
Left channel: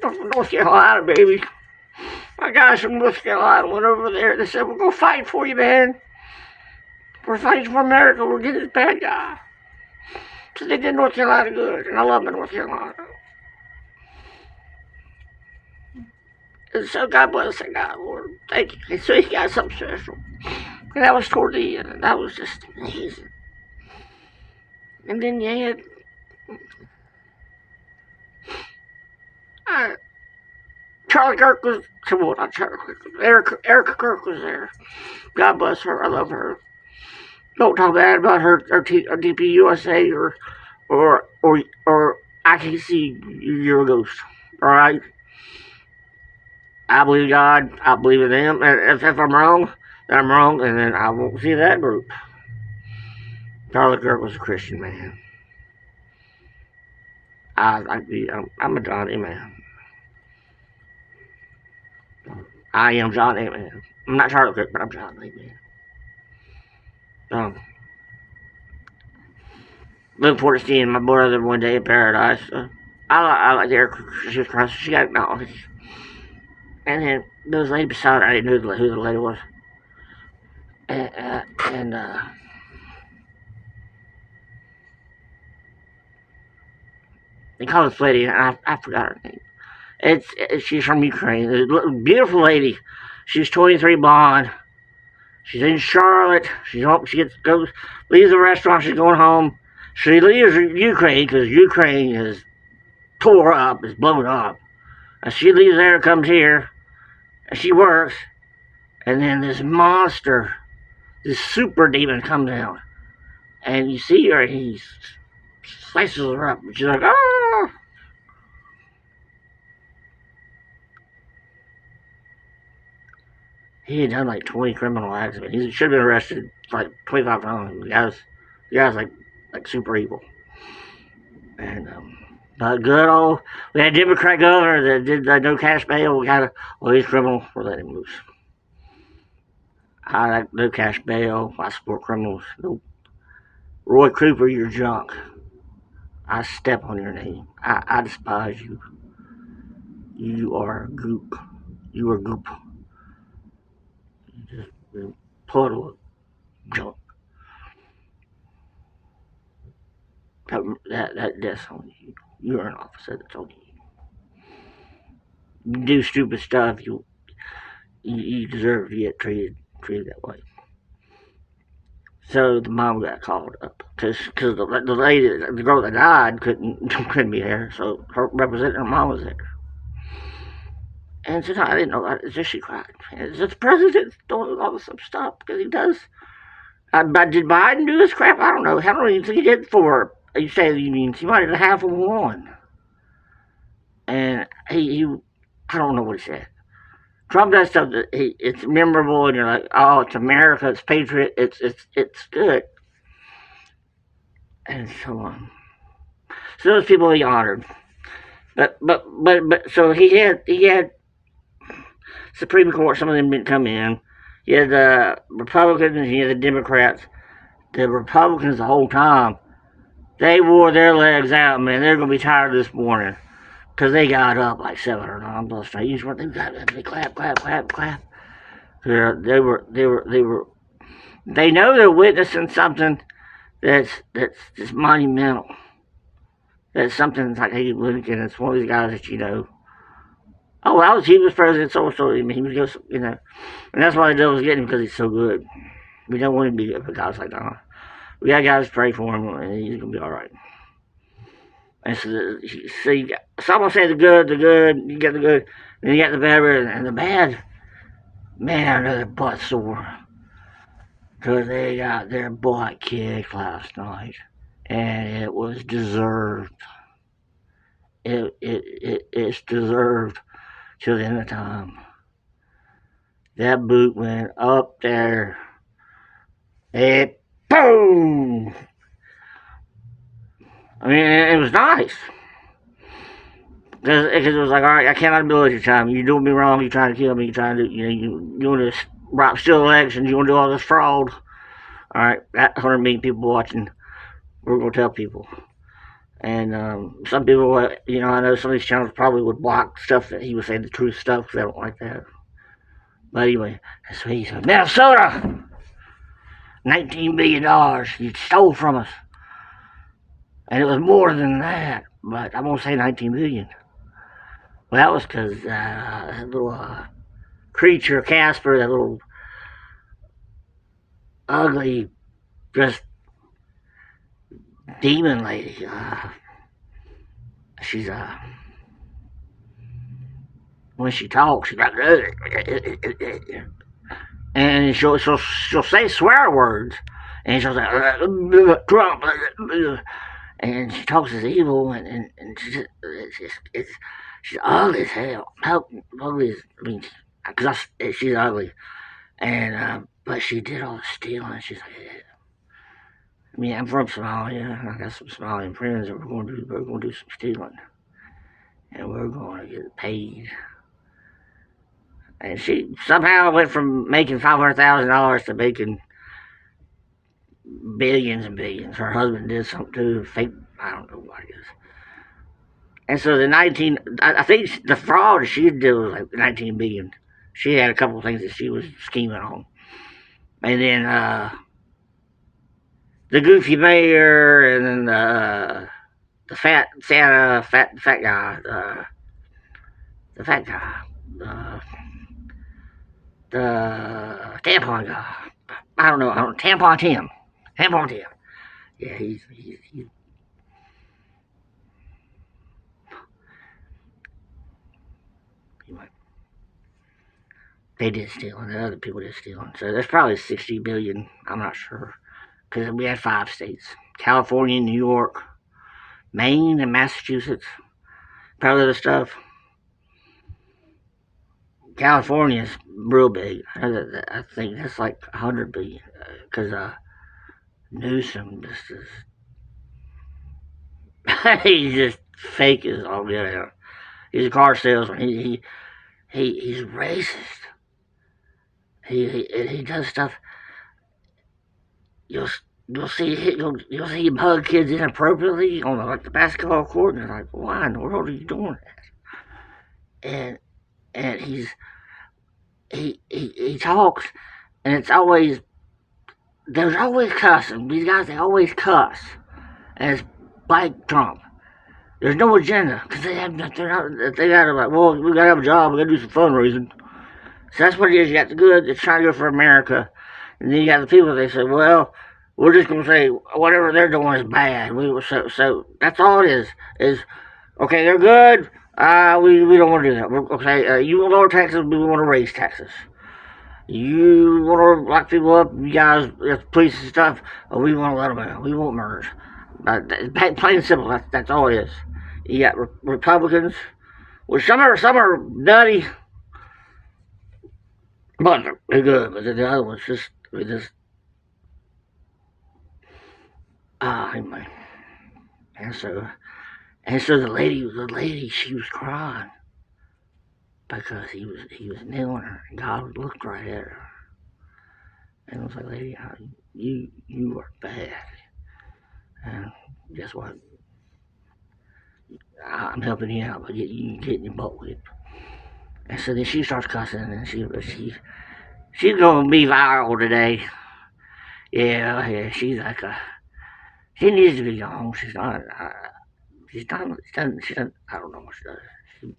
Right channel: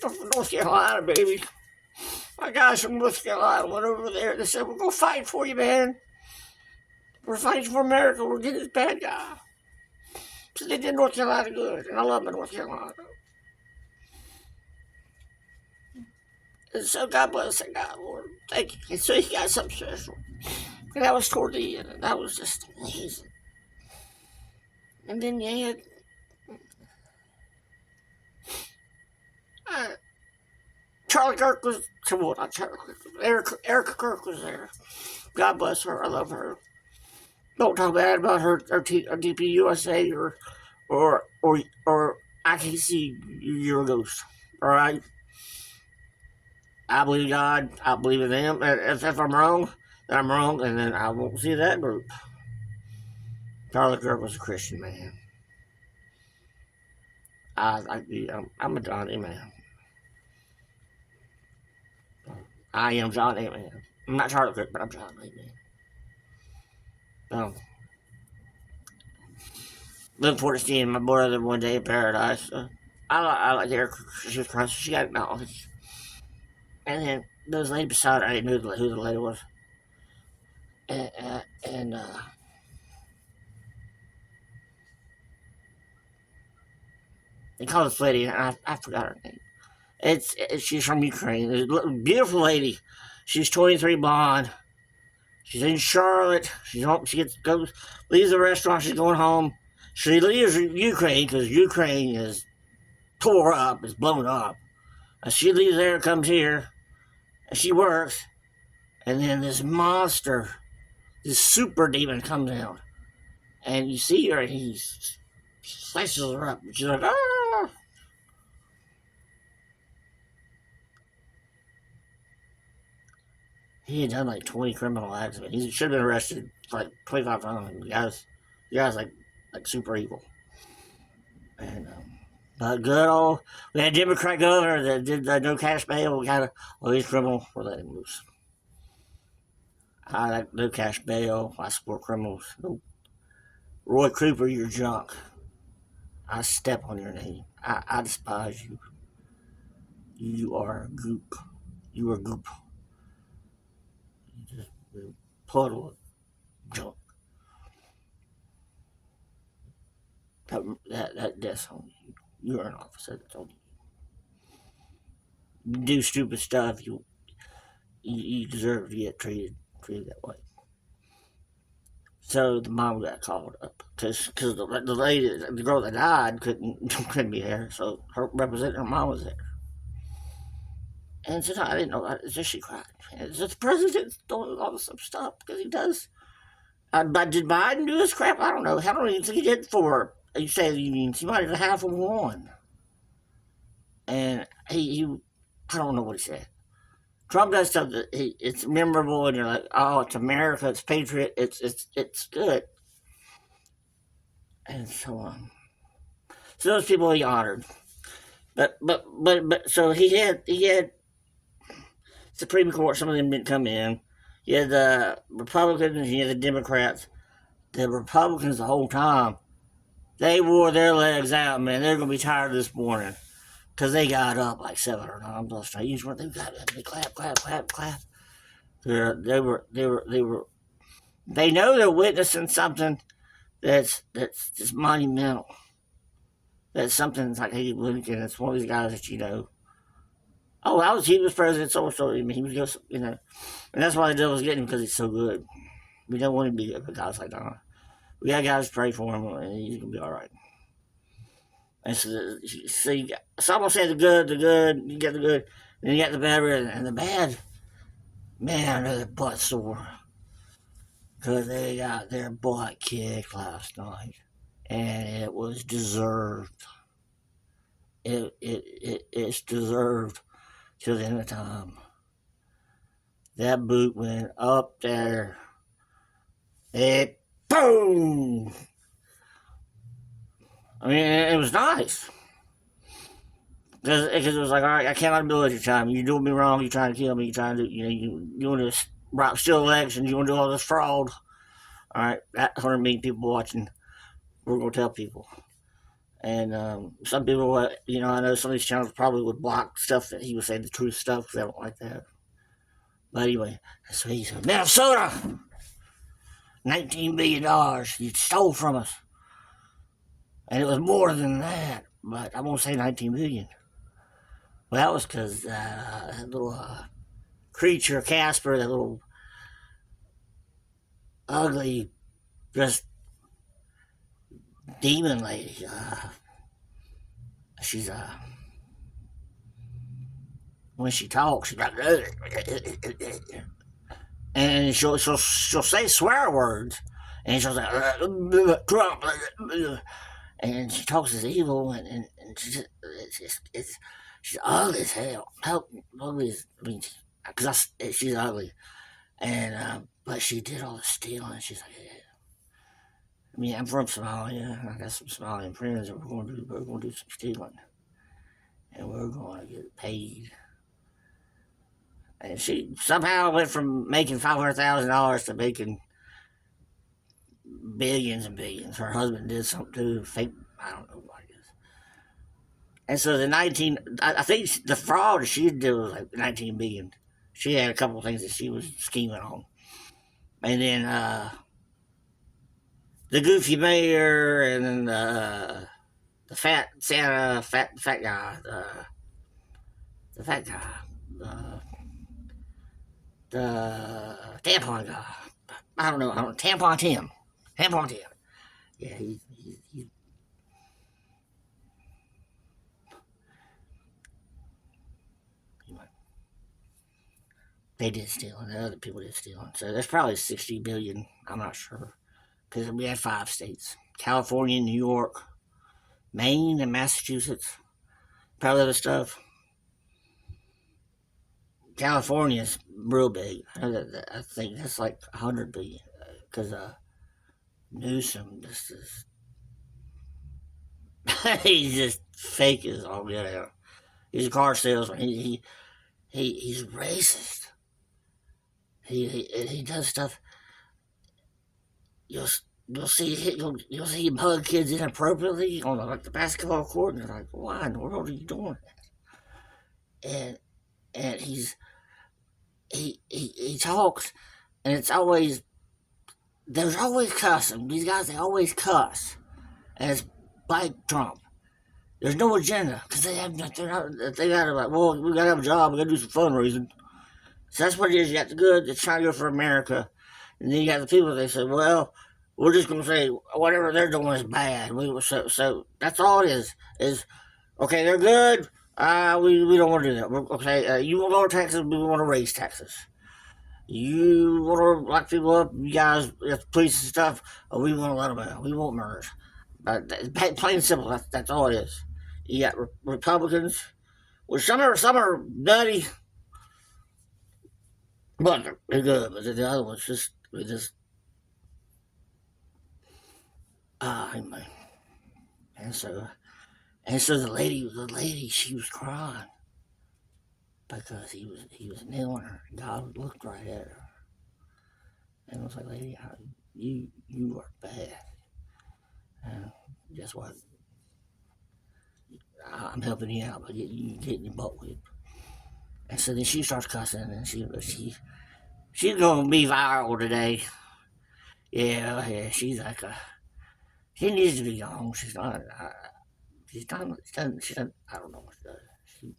From North Carolina, baby. My guys from North Carolina went over there, they said, we're going to fight for you, man. We're fighting for America, we're getting this bad guy. So they did North Carolina good, and I love North Carolina. And so God bless that guy, Lord. Thank you. And so he got something special. And that was toward the end, and that was just amazing. And then you had Charlie Kirk was, well, not Charlie Kirk, Erica Kirk was there. God bless her, I love her. Don't talk bad about her DP USA or I can see you're a ghost. All right? I believe in God. I believe in them. And if I'm wrong, then I'm wrong, and then I won't see that group. Charlie Kirk was a Christian man. I'm a Johnny man. I am Johnny man. I'm not Charlie Kirk, but I'm Johnny man. Look forward to seeing my brother one day in paradise. I like Erica. She's Christ. She got knowledge. And then there was a lady beside her. I didn't know who the lady was. And they call this lady, and I forgot her name. She's from Ukraine. A beautiful lady. She's 23, blonde. She's in Charlotte. She leaves the restaurant. She's going home. She leaves Ukraine because Ukraine is tore up, is blown up. And she leaves there and comes here, and she works, and then this monster, this super demon comes out, and you see her, and he slices her up, and she's like, ah! He had done like 20 criminal acts. He should have been arrested like 25 times. The guy's like super evil. And but good old, we had a Democrat governor that did no cash bail. Well, he's criminal. We'll let him loose. I like no cash bail. I support criminals. Nope. Roy Cooper, you're junk. I step on your name. I despise you. You are goop. You are goop. You just a puddle of junk. That's on you. You're an officer. That's on you. You do stupid stuff. You deserve to get treated that way. So the mom got called up because the lady, the girl that died, couldn't be there. So her representing her mom was there. And so I didn't know that. It's just she cried. It's the president doing all this stuff because he does. But did Biden do this crap? I don't know. I don't even think he did for you say the unions. He might have half of one. And he I don't know what he said. Trump does stuff that it's memorable, and you're like, oh, it's America, it's patriot, it's good, and so on. So those people he honored, but so he had Supreme Court. Some of them didn't come in. You had the Republicans, you had the Democrats. The Republicans the whole time, they wore their legs out, man. They're gonna be tired this morning. Because they got up like 700 times on the street. You just they clap. They know they're witnessing something that's just monumental. That's something like Abe Lincoln. It's one of these guys that you know. Oh, he was president, so. I mean, he was just, and that's why the devil's getting him because he's so good. We don't want him to be good for guys like that. We got guys to pray for him, and he's gonna be all right. And so, see, someone say the good, you get the good, then you get the bad, and the bad, man, they're butt sore. Because they got their butt kicked last night. And it was deserved. It's deserved till the end of time. That boot went up there. It, boom! I mean, it was nice. Because it was like, all right, I cannot do it your time. You're doing me wrong. You're trying to kill me. You're trying to, you want to steal elections. You want to do all this fraud. All right, that 100 million people watching. We're going to tell people. And some people, I know some of these channels probably would block stuff that he would say the truth stuff because they don't like that. But anyway, that's what he said. Minnesota! $19 billion you stole from us. And it was more than that. But I'm going to say 19 billion. Well, that was because that little creature, Casper, that little ugly, just demon lady. She's when she talks, she's like, and she'll say swear words, and she'll say Trump, and she talks as evil, and she's ugly as hell. Ugly as, because she's ugly, and but she did all the stealing. She's like, I'm from Somalia. I got some Somalian friends, and we're going to do some stealing, and we're going to get paid. And she somehow went from making $500,000 to making billions and billions. Her husband did something too, fake. I don't know what it is. And so I think the fraud she did was like 19 billion. She had a couple of things that she was scheming on, and then the goofy mayor, and then the fat Santa, fat guy, the fat guy, the tampon guy. I don't know. Tampon Tim. Yeah, he's They did steal, and the other people did steal. So there's probably 60 billion. I'm not sure. Because we had 5 states: California, New York, Maine, and Massachusetts. Probably other stuff. California's real big. I think that's like 100 billion. Because Newsom just is. He's just fake as all get out. He's a car salesman. He's racist. He does stuff. You'll see him hug kids inappropriately on the basketball court, and they're like, "Why in the world are you doing that?" And he talks, and it's always there's always cussing. These guys, they always cuss, and it's like Trump. There's no agenda because they gotta like, well, we gotta have a job, we gotta do some fundraising. So that's what it is. You got the good that's trying to go for America, and then you got the people. They say, well, we're just gonna say whatever they're doing is bad. So that's all it is. Is okay, they're good. We don't want to do that. Okay, you want to lower taxes, we want to raise taxes. You want to lock people up, you guys, police and stuff, we want to let them out. We want murders. Plain and simple, that's all it is. You got Republicans, well, some are nutty, but they're good. But the other ones just anyway. And so the lady, she was crying because he was kneeling her, and God looked right at her, and was like, lady, you are bad, and guess what? I'm helping you out by getting your butt whipped. And so then she starts cussing, and she's gonna be viral today. Yeah, she's like she needs to be gone. She's not. She doesn't. I don't know what she does. She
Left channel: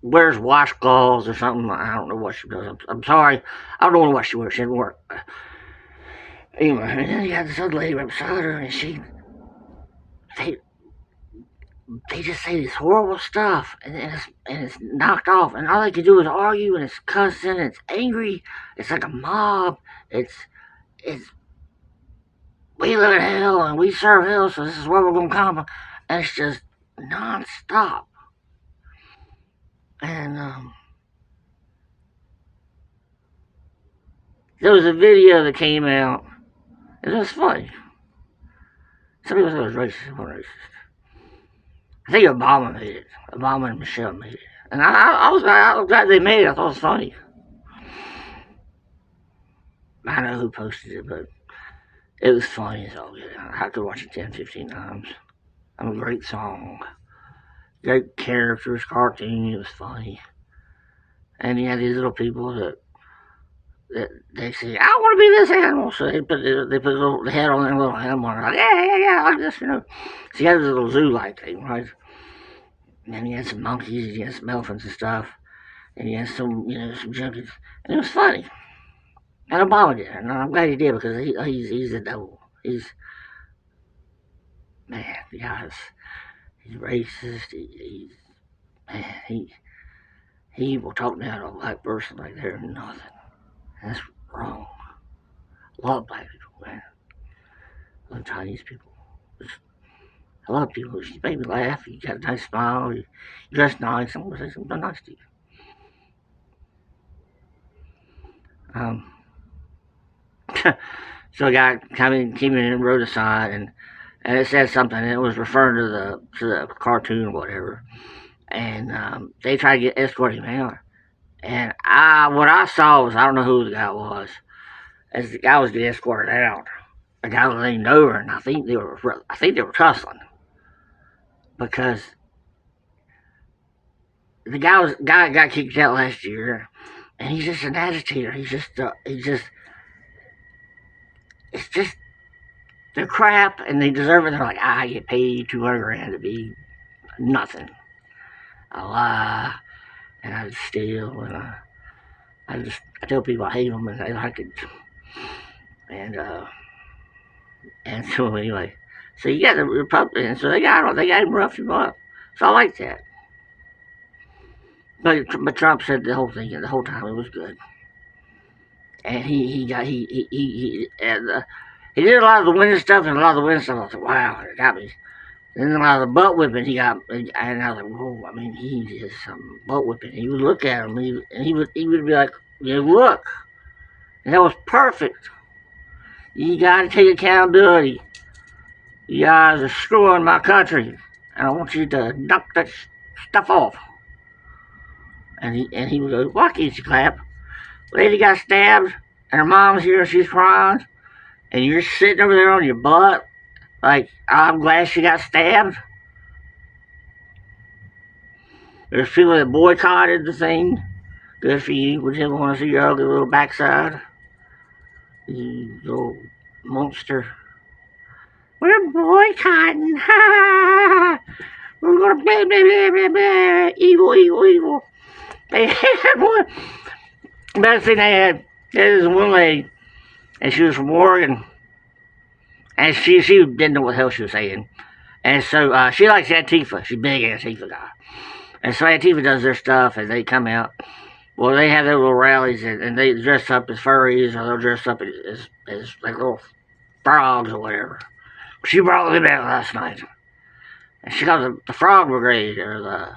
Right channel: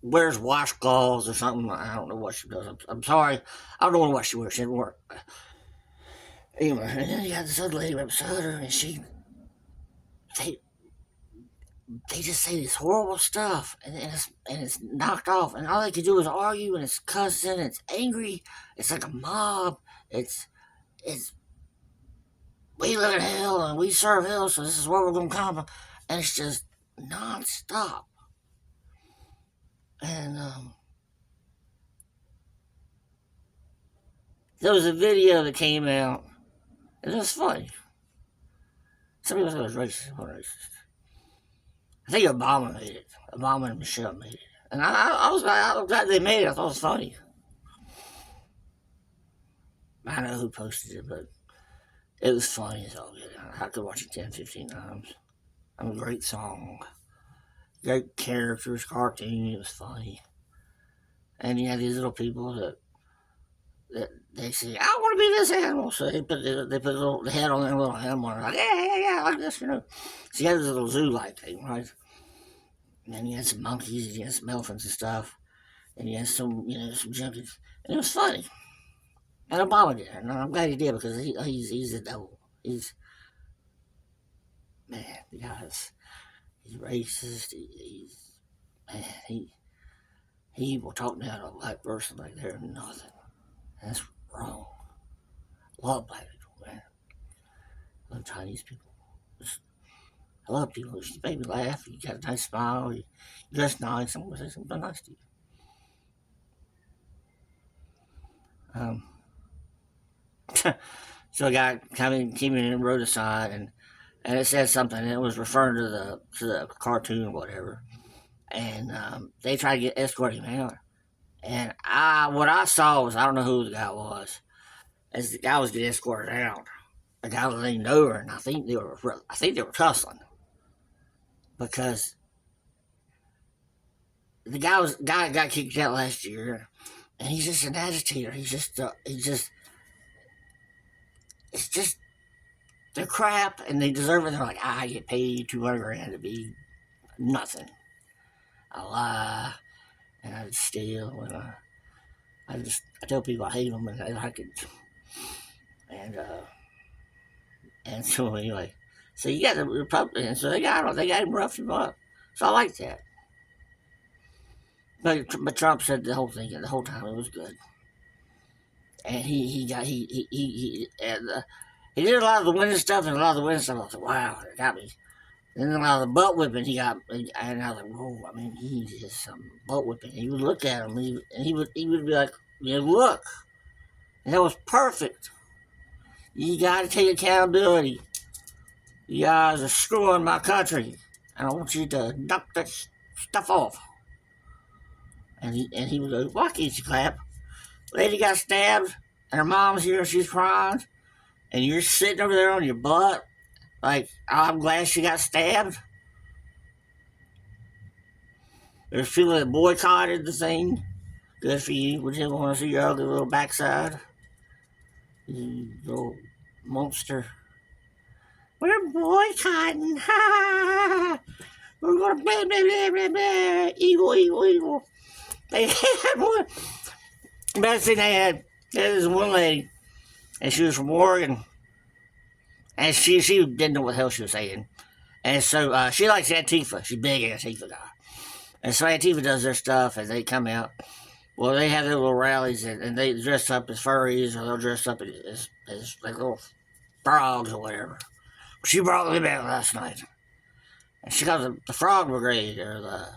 wears washcloths or something. I don't know what she does. I'm sorry. I don't know what she wears. She didn't work. Anyway, and then you got this other lady right beside her, and they just say this horrible stuff, and it's knocked off, and all they can do is argue, and it's cussing, it's angry, it's like a mob, it's we live in hell and we serve hell, so this is where we're gonna come, and it's just non-stop. And there was a video that came out, and it was funny. Some people said it was racist. It wasn't racist. I think Obama made it. Obama and Michelle made it. And I was glad they made it. I thought it was funny. I know who posted it, but it was funny as all. I could watch it 10, 15 times. A great song. Great characters, cartoon. It was funny. And you had these little people that they say, I want to be this animal. So they put the head on their little animal. And like, yeah, like this, So you had this little zoo-like thing, right? And then you had some monkeys, you had some elephants and stuff. And you had some junkies. And it was funny. And Obama did it. And I'm glad he did because he's a devil. Man, he's racist. He will talk down to a black person like they're nothing. That's wrong. A lot of black people, man. A lot of Chinese people. I love people. You make me laugh. You got a nice smile. You dress nice. I'm going to say something nice to you. So a guy came in and wrote a sign, and it said something, and it was referring to the cartoon or whatever. And they tried to escort him out. And what I saw was, I don't know who the guy was, as the guy was getting escorted out. A guy leaned over, and I think they were tussling because the guy got kicked out last year, and he's just an agitator. It's just they're crap, and they deserve it. They're like, I get paid $200,000 to be nothing. I lie, and I steal, and I tell people I hate them, and they like it. And so anyway, so you got the Republicans, so they got him roughed him up. So I like that. But Trump said the whole time it was good, and he got he did a lot of the winning stuff, and a lot of the winning stuff. I was like, wow, it got me. And then a lot of the butt whipping he got, and I was like, whoa, I mean, he did some butt whipping. He would look at him, and he would be like, yeah, look, and that was perfect. You got to take accountability. You guys are screwing my country, and I want you to knock that stuff off. And he would go, why can't you clap? Lady got stabbed, and her mom's here, she's crying, and you're sitting over there on your butt, like, I'm glad she got stabbed. There's people that boycotted the thing. Good for you. We didn't want to see your ugly little backside. You little monster. We're boycotting. We're going to blah, blah, blah, blah, blah. Evil, evil, evil. They had one. Best thing they had, there's one lady, and she was from Oregon. And she didn't know what the hell she was saying. And so she likes Antifa. She's a big Antifa guy. And so Antifa does their stuff, and they come out. Well, they have their little rallies, and they dress up as furries, or they'll dress up as like little frogs or whatever. She brought them out last night. And she got the Frog Brigade, or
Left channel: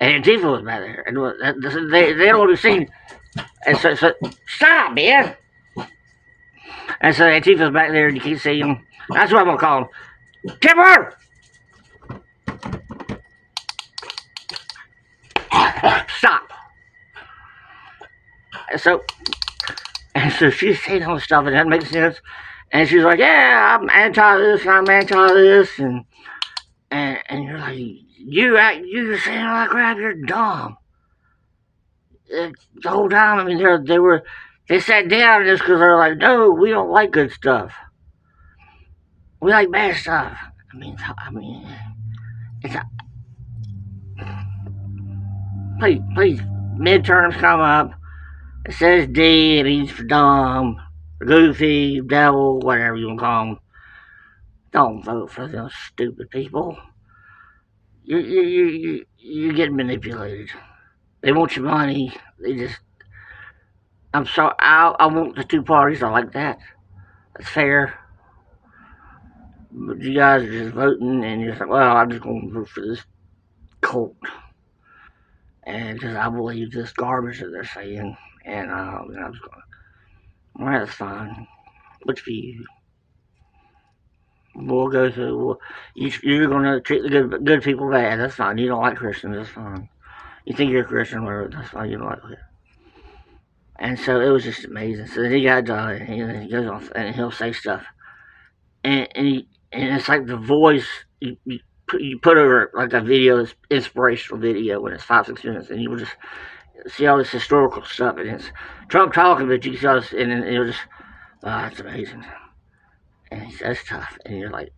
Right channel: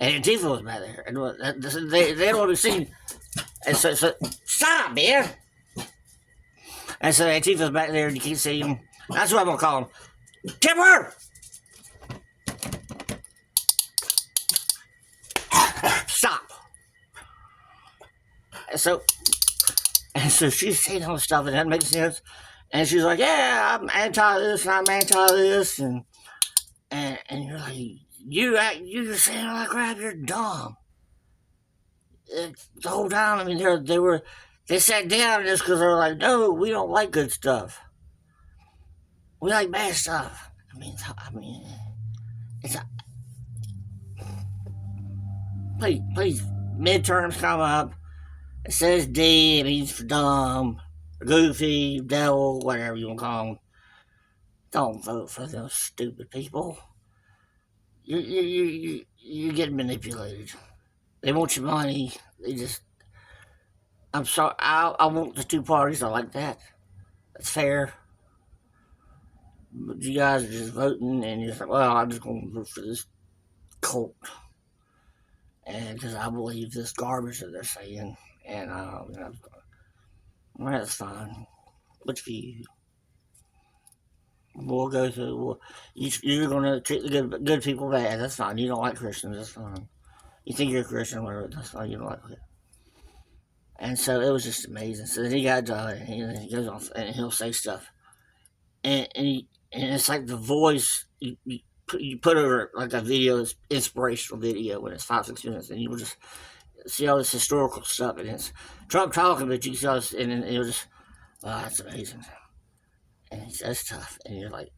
and Antifa was back there. And they don't want to be seen. And so stop, man! And so Antifa's back there, and you can't see them. That's what I'm going to call them. Timber! Stop. And so she's saying all this stuff, and that makes sense. And she's like, yeah, I'm anti this, and I'm anti this, and you're like, you're saying all that crap, you're dumb. The whole time, I mean, they sat down just because they're like, no, we don't like good stuff. We like bad stuff. I mean, it's a, please, midterms come up. It says D, it means for dumb, goofy, devil, whatever you want to call them. Don't vote for those stupid people. You get manipulated. They want your money. I'm sorry, I want the two parties. I like that. That's fair. But you guys are just voting, and you're like, well, I'm just going to vote for this cult. And because I believe this garbage that they're saying. And I was going, well, that's fine. What's for you? We'll go through. You're going to treat the good people bad. That's fine. You don't like Christians. That's fine. You think you're a Christian, whatever. That's fine. You don't like it. And so it was just amazing. So then he got done, and he goes off, and he'll say stuff, and it's like the voice you put over like a video, it's inspirational video when it's 5-6 minutes, and you will just see all this historical stuff, and it's Trump talking, but you can see all this, and it'll just, oh, that's amazing. And he says stuff, and you're like,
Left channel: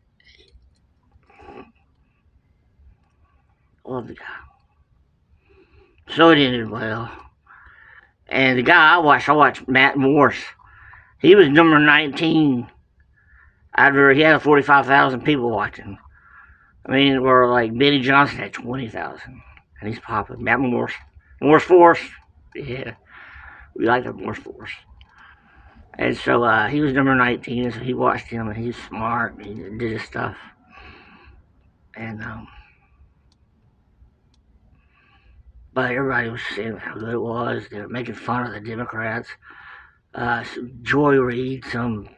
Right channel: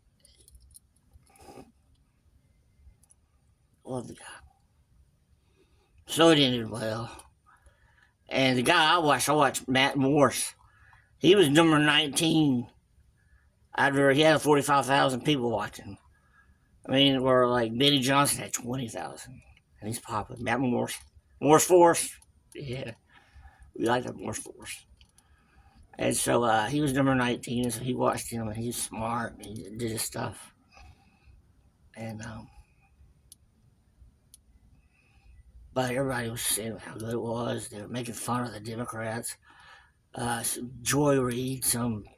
love the guy. So it ended well. And the guy I watched Matt Morse. He was number 19. He had 45,000 people watching. I mean, where like Benny Johnson had 20,000. And he's popular. Matt Morse. Morse Force. Yeah. We like that Morse Force. And so he was number 19, and so he watched him, and he's smart, and he did his stuff. And, but everybody was saying how good it was. They were making fun of the Democrats. Joy Reid, some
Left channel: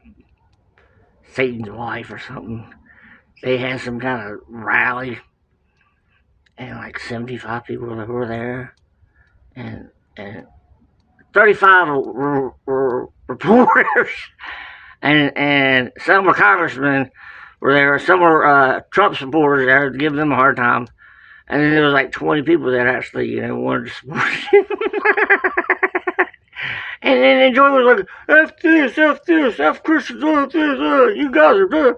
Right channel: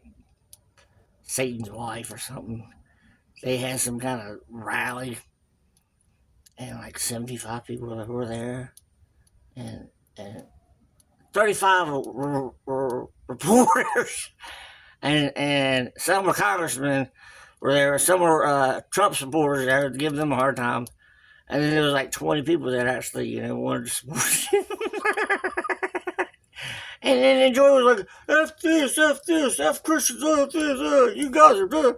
Satan's wife or something, they had some kind of rally, and like 75 people were there, and 35 were reporters, and some were congressmen were there, some were Trump supporters there to give them a hard time, and then there was like 20 people that actually, wanted to support him. And then Joy was like, F this, F Christians, F this, you guys are good.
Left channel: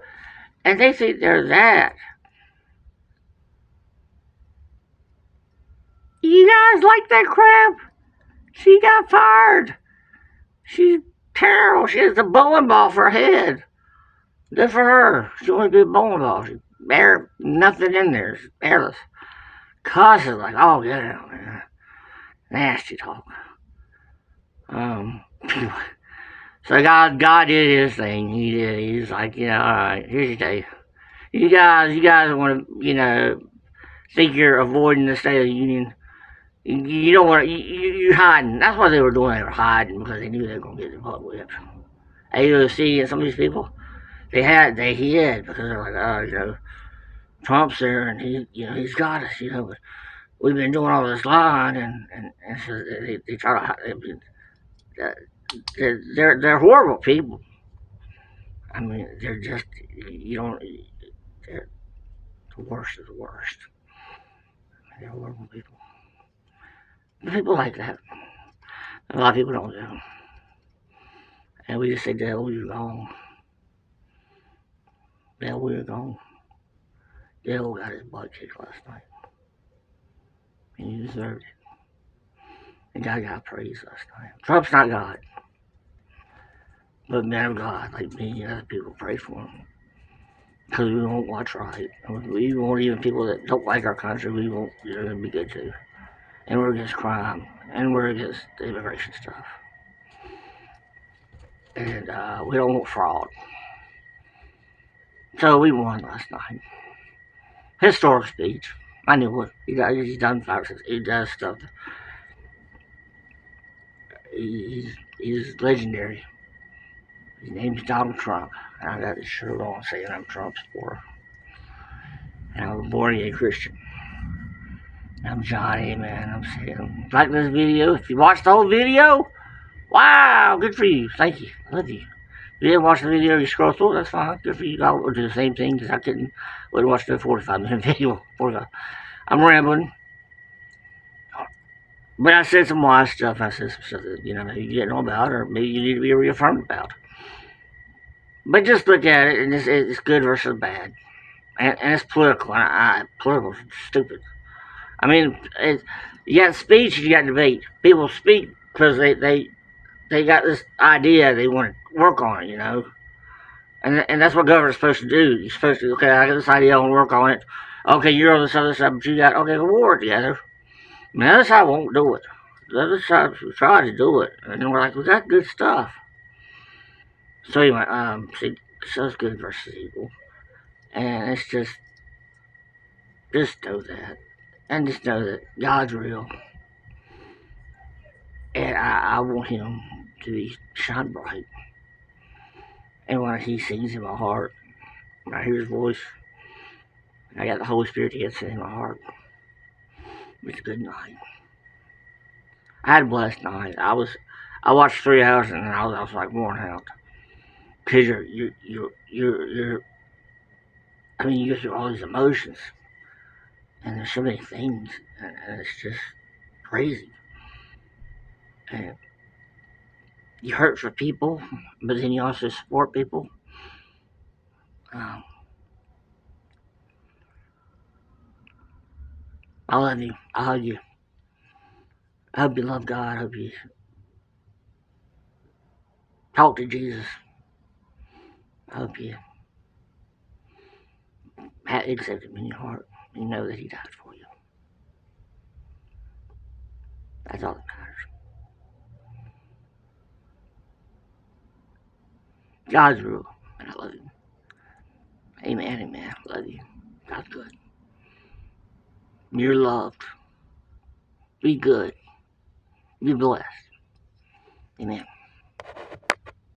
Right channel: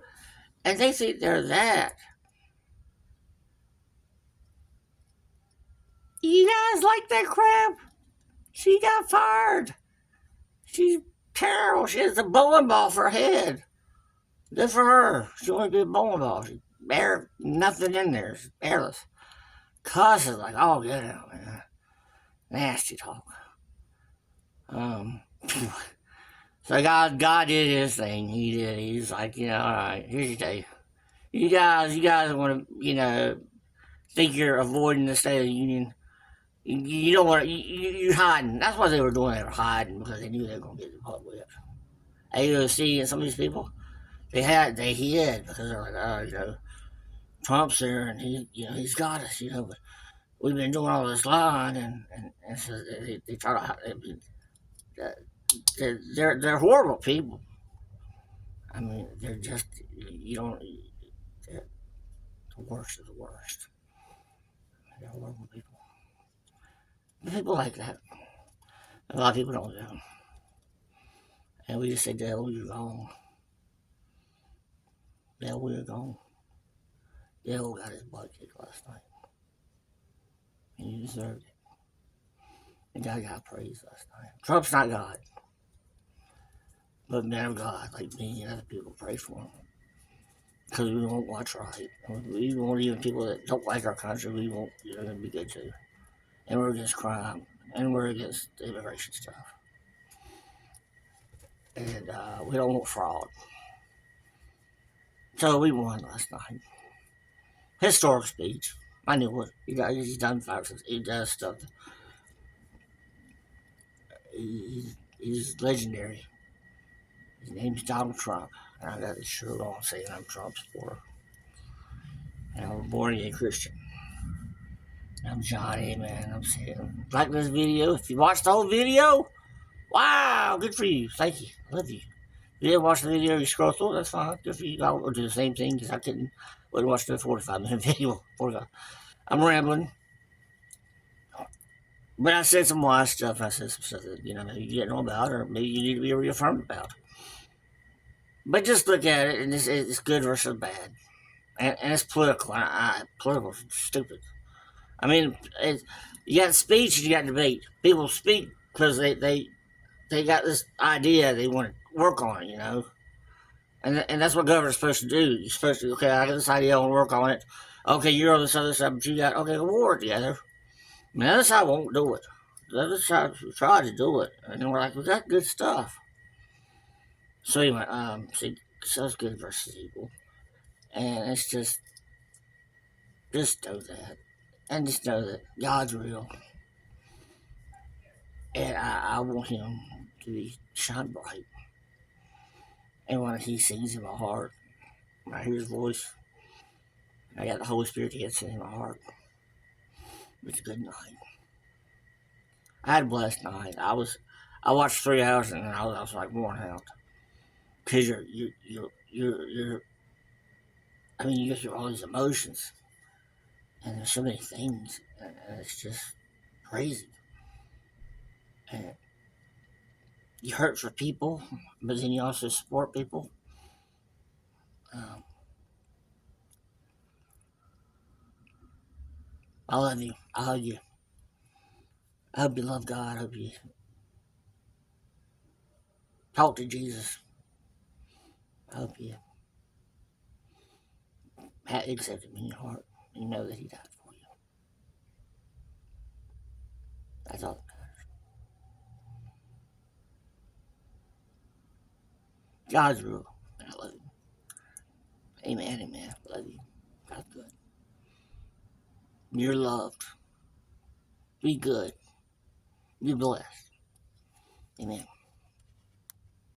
And they think they're that. You guys like that crap? She got fired. She's terrible. She has a bowling ball for a head. Good for her. She only did a bowling ball. Nothing in there. She's airless. cusses like, oh, get out, man. Nasty talk. Um, so God did his thing. He did. He's like, all right, here's your day. You guys want to, think you're avoiding the State of the Union. You don't want to, you're hiding. That's what they were doing. They were hiding because they knew they were going to get the butt whipped. AOC and some of these people, they hid because they're like, Trump's there and he's got us, but we've been doing all this lying and so they try to hide. They're horrible people. I mean, they're just, they're the worst of the worst. They're horrible people. People like that. A lot of people don't do. And we just say, Dale, you're gone. Dale, we're gone. Dale got his butt kicked last night. And he deserved it. And God got praise last night. Trump's not God. But men of God, like me and other people, pray for him. Because we won't watch right. We won't, even people that don't like our country, we won't, be good too. And we're against crime. And we're against the immigration stuff. And we don't want fraud. So we won last night. Historic speech. I knew what he's done. He does stuff. He's legendary. His name's Donald Trump. And I got this shirt on saying I'm Trump's supporter. And I'm a born again Christian. I'm Johnny, man. I'm saying, like this video. If you watched the whole video, wow, good for you. Thank you. I love you. If you didn't watch the video, you scroll through it, that's fine. Good for you. I would do the same thing because I wouldn't watch the 45-minute video. 45. I'm rambling. But I said some wise stuff. I said some stuff that, maybe you didn't know about or maybe you need to be reaffirmed about. But just look at it, and it's good versus bad. And it's political. Political is stupid. I mean, you got speech and you got debate. People speak because they got this idea they want to work on it, And that's what government's supposed to do. You're supposed to, okay, I got this idea, I want to work on it. Okay, you're on this other side, but you got, okay, we'll work together. And the other side won't do it. The other side tried to do it. And then we're like, we got good stuff. So anyway, so it's good versus evil. And it's just know that. And just know that God's real. And I want him to be shine bright. And when he sings in my heart, when I hear his voice, I got the Holy Spirit dancing in my heart. It's a good night. I had a blessed night. I watched 3 hours and I was like worn out. Cause you're I mean, you go through all these emotions, and there's so many things, and it's just crazy. And you hurt for people, but then you also support people. I love you. I hug you. I hope you love God. I hope you talk to Jesus. I hope you accept him in your heart. You know that he died for you. That's all that matters. God's rule, and I love you. Amen, amen. Love you. God's good. You're loved. Be good. Be blessed. Amen.